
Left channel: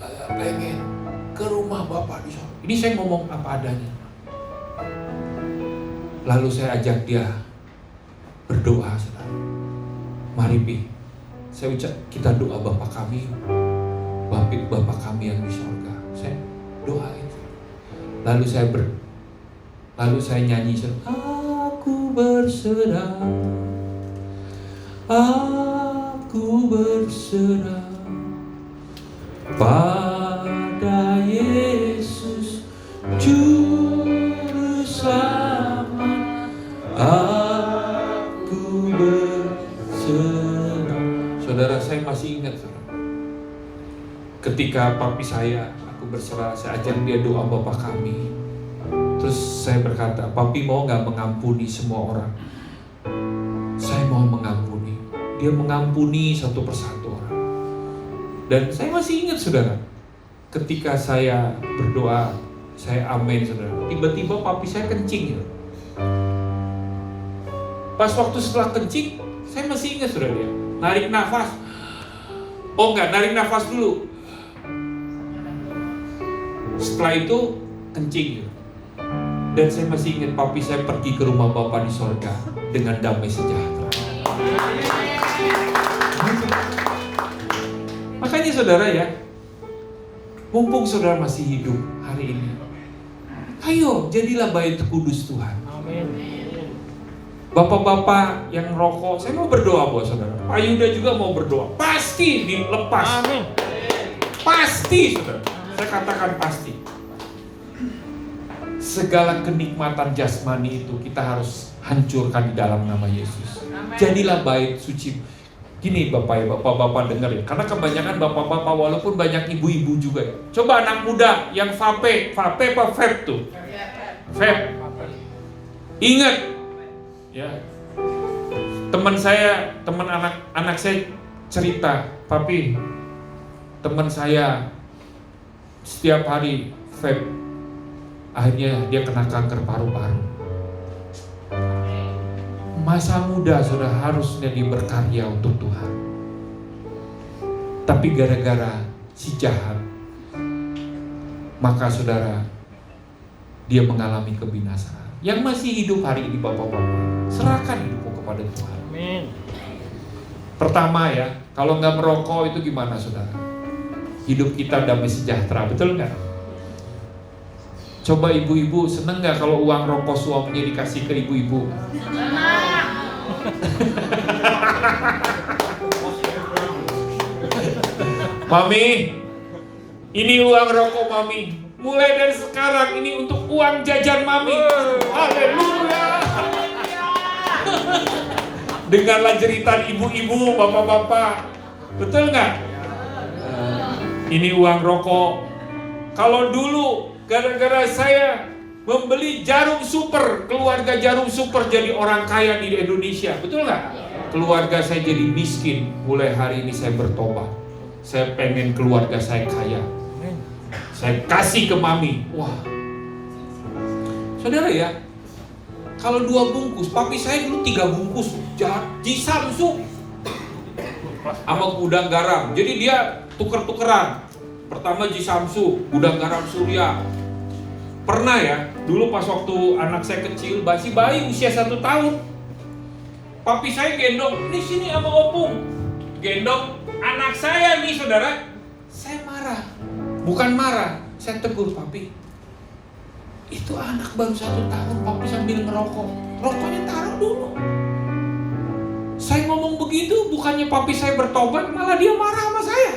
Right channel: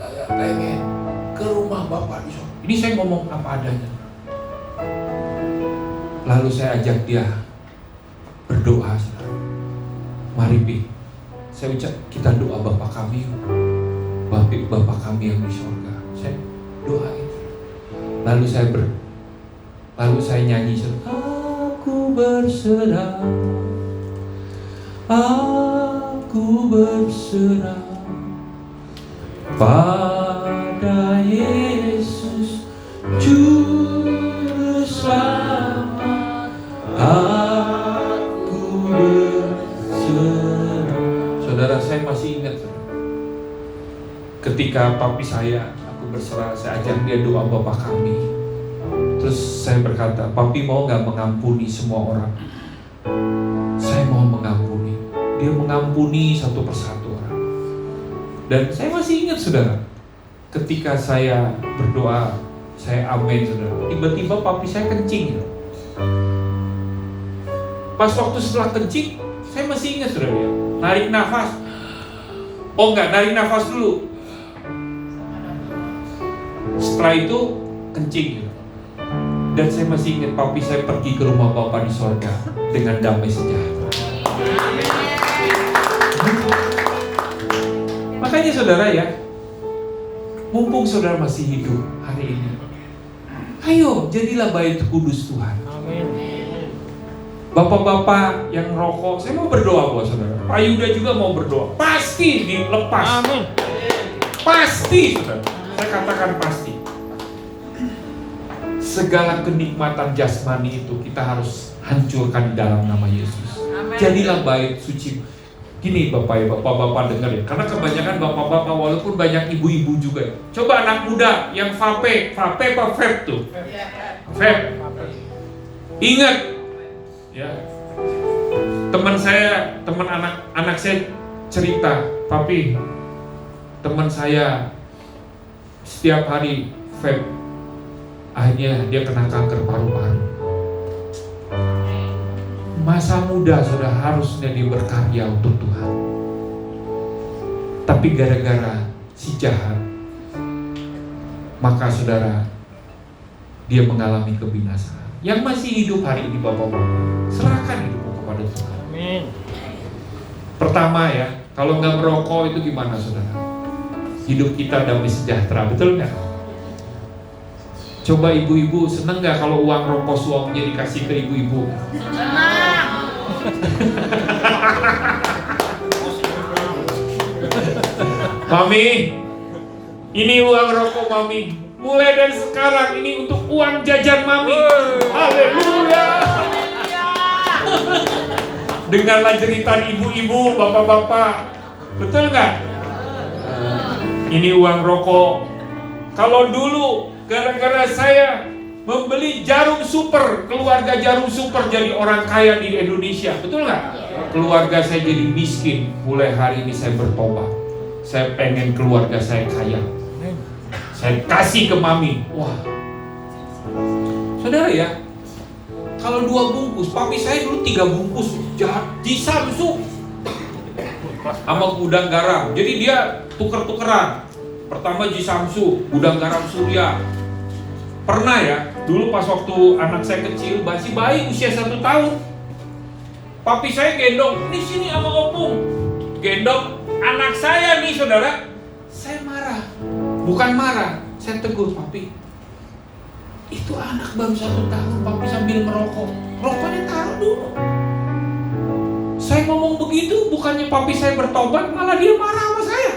saya pengen ke rumah Bapa di sorga. Ini saya ngomong apa adanya. Lalu saya ajak dia berdoa, saudara. Mari, Pi. Saya ucap, kita doa Bapa kami, Bapa kami yang di sorga. Saya doain. Lalu saya nyanyi, aku berserah pada Yesus Juru Selamat. Aku berserah. Saudara, saya masih ingat, saudara. Ketika papi saya, aku berserah, saya ajak dia doa Bapa kami. Terus saya berkata, papi mau gak mengampuni semua orang? Saya mau mengampuni. Dia mengampuni satu persatu orang. Dan saya masih ingat, saudara, ketika saya berdoa, saya amin, saudara, tiba-tiba papi saya kencing. Pas waktu setelah kencing, saya masih ingat, saudara, ya, narik nafas. Oh enggak, narik nafas dulu. Setelah itu kencing. Dan saya masih ingat papi saya pergi ke rumah Bapa di sorga dengan damai sejahtera. Makanya saudara ya, mumpung saudara masih hidup hari ini, ayo jadilah bait kudus Tuhan. Amin. Bapak-bapak yang merokok, saya mau berdoa buat saudara. Pak Yuda juga mau berdoa. Pasti dilepas. Amin. Pasti, saudara. Saya katakan pasti. Segala kenikmatan jasmani itu kita harus hancurkan di dalam nama Yesus. Jadilah bait suci. Gini Bapak ya, Bapak-bapak dengar ya. Karena kebanyakan Bapak-bapak walaupun banyak ibu-ibu juga ya. Coba anak muda yang vape apa vape tuh? Vape. Ingat ya. Teman anak saya cerita, papi, teman saya setiap hari vape. Akhirnya dia kena kanker paru-paru. Masa muda sudah harusnya dia berkarya untuk Tuhan. Tapi gara-gara si jahat, maka saudara, dia mengalami kebinasaan. Yang masih hidup hari ini Bapak-bapak, serahkan hidupmu kepada Tuhan. Amin. Pertama ya, kalau nggak merokok itu gimana saudara? Hidup kita damai sejahtera, betul nggak? Coba ibu-ibu seneng nggak kalau uang rokok suaminya dikasih ke ibu-ibu? Mami, ini uang rokok Mami. Mulai dari sekarang ini untuk uang jajan Mami. Haleluya. Dengarlah cerita ibu-ibu, bapak-bapak. Betul nggak? Ini uang rokok. Kalau dulu gara-gara saya membeli jarum super, keluarga jarum super jadi orang kaya di Indonesia. Betul nggak? Keluarga saya jadi miskin. Mulai hari ini saya bertobat. Saya pengen keluarga saya kaya. Saya kasih ke mami. Wah, saudara ya, kalau 2 bungkus, papi saya dulu 3 bungkus di Samsung sama gudang garam. Jadi dia tuker-tukeran. Pertama di Samsung, gudang garam Surya. Pernah ya, dulu pas waktu anak saya kecil, masih bayi usia 1 tahun, papi saya gendong, ini sini sama opung, gendong anak saya nih saudara. Saya marah, bukan marah, saya tegur papi. Itu anak baru 1 tahun, papi sambil merokok, rokoknya taruh dulu. Saya ngomong begitu, bukannya papi saya bertobat, malah dia marah sama saya.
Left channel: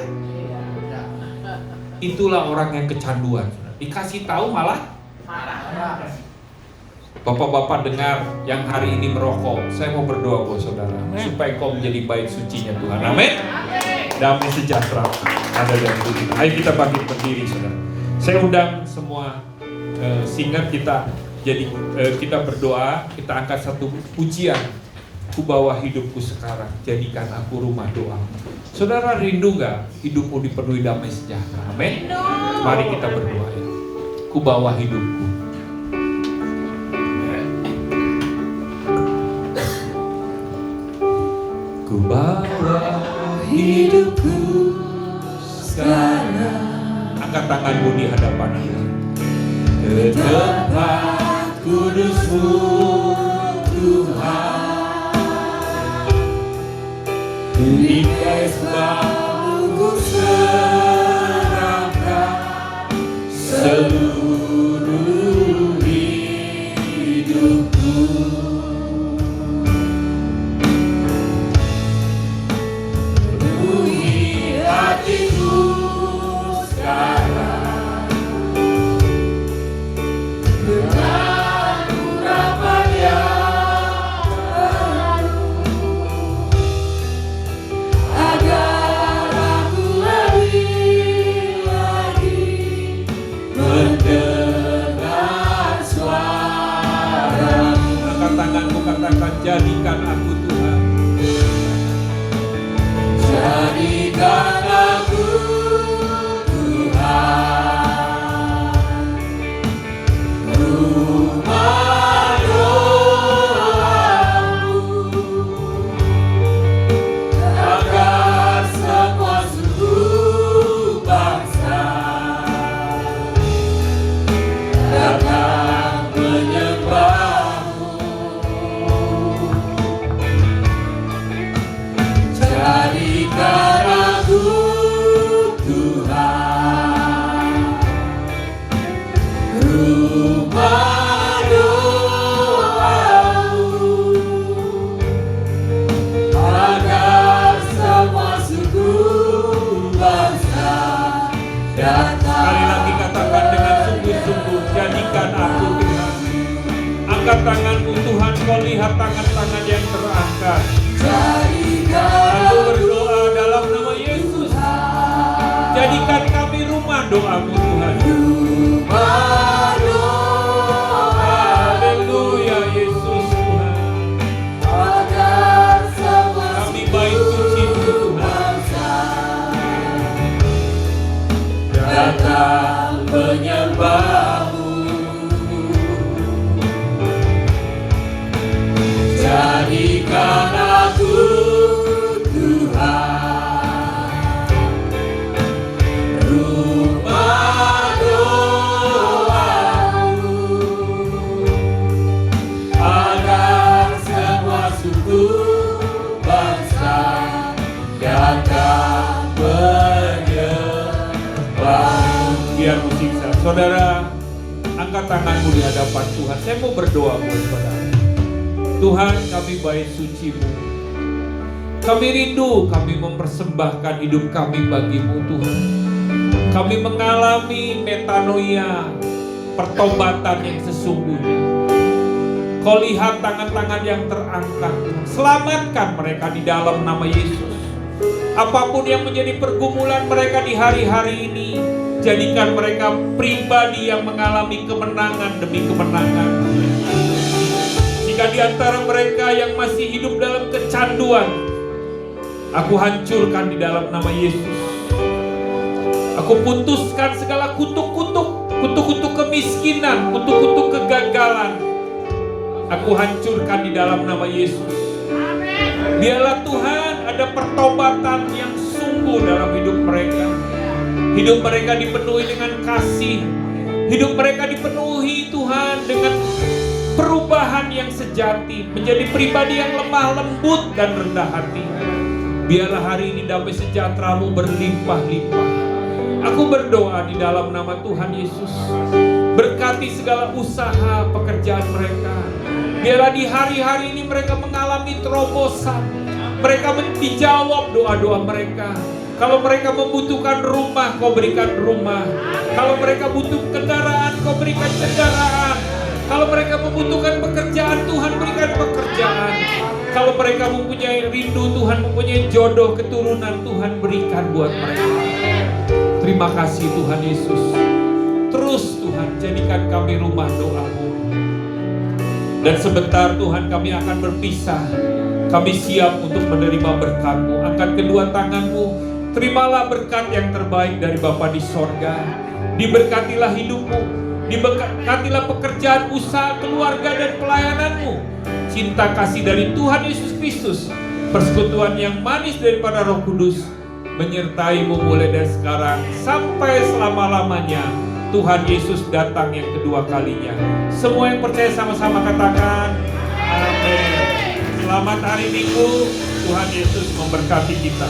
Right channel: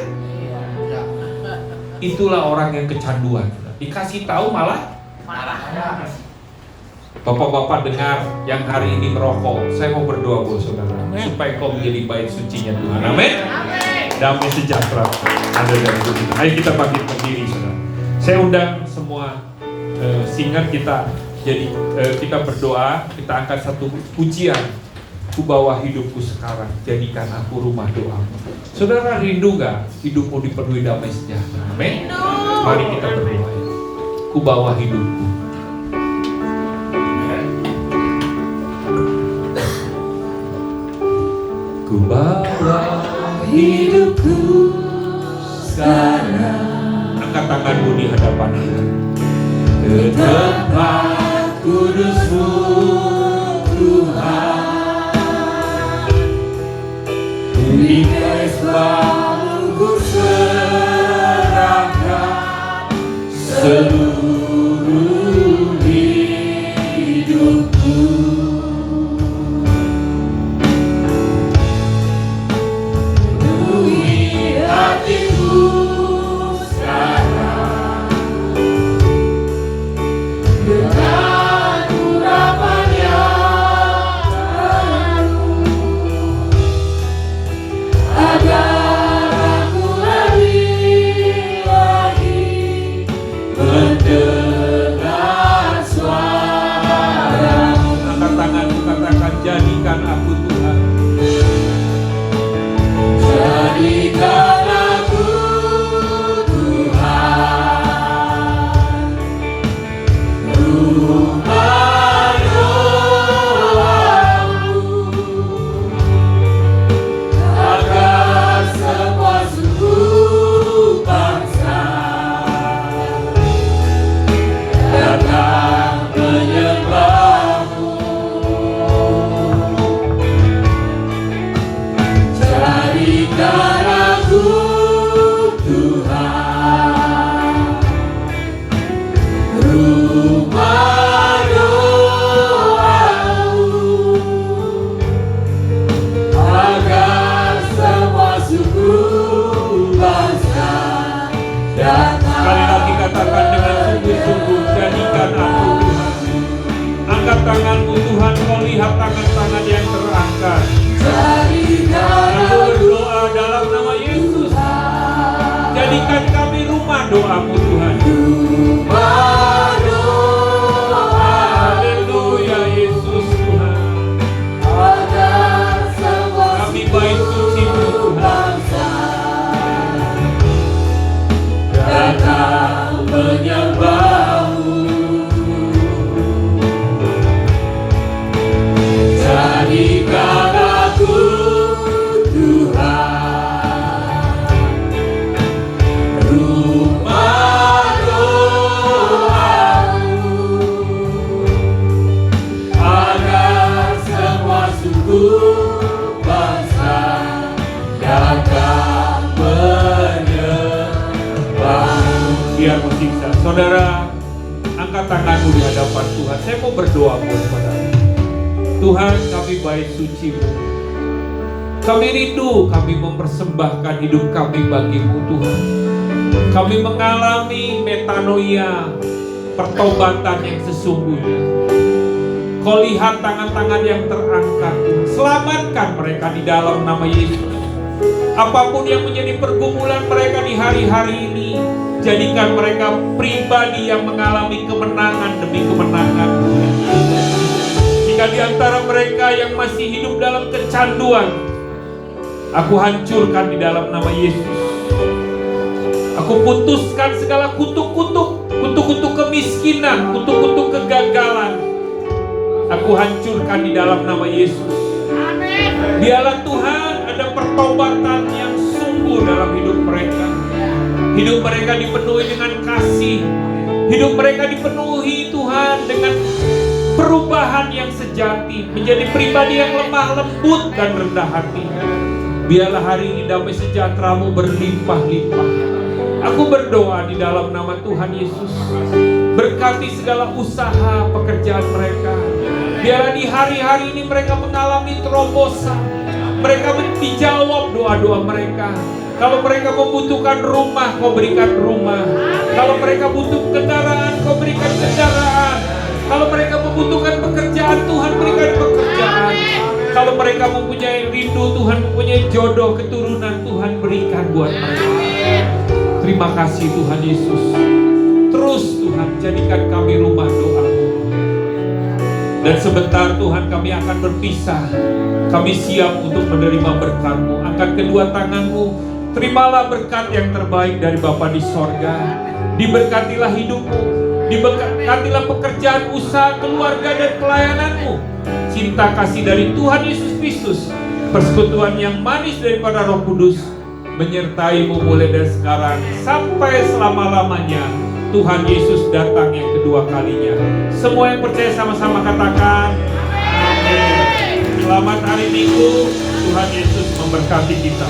Itulah orang yang kecanduan. Dikasih tahu malah marah. Bapak-bapak dengar yang hari ini merokok, saya mau berdoa buat saudara, supaya kau menjadi baik sucinya Tuhan. Amin. Damai sejahtera ada dari Tuhan. Ayo kita bangkit berdiri, saudara. Saya undang semua singkat kita kita berdoa, kita angkat satu pujian. Ku bawa hidupku sekarang, jadikan aku rumah doa. Saudara rindu gak hidupmu dipenuhi damai sejahtera? Amin. Mari kita berdoa. Ku bawa hidupku. Ku bawa hidupku sekarang. Angkat tanganmu di hadapan Tuhan. Ke tempat kudus-Mu Tuhan. Di mesbah-Mu ku serahkan seluruh hidupku. Penuhi hatiku sekarang dengan urapan yang baru, agar aku lebih lagi mendengar suara-Mu. Angkat tanganmu, katakan, jadikan aku Tuhan. Jadikan aku Tuhan, rumah doa-Mu, agar semua suku bangsa datang menyembah-Mu. Jadikan aku Tuhan, rumah doa-Mu, agar semua suku bangsa datang. Sekali lagi katakan dengan sungguh-sungguh, jadikan aku Tuhan. Angkat tanganmu Tuhan, kau lihat tangan-tangan yang terangkat. Aku berdoa dalam nama Yesus. Jadikan kami rumah doa-Mu Tuhan. Haleluya Yesus Tuhan. Kami baik suci-Mu Tuhan. Datang menyembah-Mu. Jadikan aku Tuhan, rumah doa-Mu, agar semua suku bangsa datang menyembah-Mu. Biar musik saudara, angkat tanganmu di hadapan Tuhan. Saya mau berdoa buat saudara. Tuhan, kami baik suci-Mu. Kami rindu, kami mempersembahkan hidup kami bagi-Mu Tuhan. Kami mengalami metanoia, pertobatan yang sesungguhnya. Kau lihat tangan-tangan yang terangkat. Selamatkan mereka di dalam nama Yesus. Apapun yang menjadi pergumulan mereka di hari-hari ini, jadikan mereka pribadi yang mengalami kemenangan demi kemenangan. Jika di antara mereka yang masih hidup dalam kecanduan, aku hancurkan di dalam nama Yesus. Aku putuskan segala kutuk-kutuk kemiskinan, kutuk-kutuk kegagalan. Aku hancurkan di dalam nama Yesus. Biarlah Tuhan ada pertobatan yang sungguh dalam hidup mereka. Hidup mereka dipenuhi dengan kasih. Hidup mereka dipenuhi Tuhan dengan perubahan yang sejati, menjadi pribadi yang lemah lembut dan rendah hati. Biarlah hari ini damai sejahtera-Mu berlimpah-limpah. Aku berdoa di dalam nama Tuhan Yesus. Berkati segala usaha pekerjaan mereka. Biarlah di hari-hari ini mereka mengalami terobosan. Mereka dijawab doa-doa mereka. Kalau mereka membutuhkan rumah, Kau berikan rumah. Kalau mereka butuh kendaraan, Kau berikan kendaraan. Kalau mereka membutuhkan pekerjaan, Tuhan berikan pekerjaan. Kalau mereka mempunyai rindu, Tuhan mempunyai jodoh, keturunan, Tuhan berikan buat mereka. Terima kasih Tuhan Yesus. Terus Tuhan jadikan kami rumah doa-Mu. Dan sebentar Tuhan kami akan berpisah. Kami siap untuk menerima berkat-Mu. Angkat kedua tangan-Mu. Terimalah berkat yang terbaik dari Bapa di sorga. Diberkatilah hidup-Mu. Diberkatilah pekerjaan, usaha, keluarga dan pelayanan-Mu. Cinta kasih dari Tuhan Yesus Kristus, persekutuan yang manis daripada Roh Kudus menyertai-Mu mulai dari sekarang sampai selama-lamanya. Tuhan Yesus datang yang kedua kalinya. Semua yang percaya sama-sama katakan amin. Selamat hari Minggu. Tuhan Yesus memberkati kita.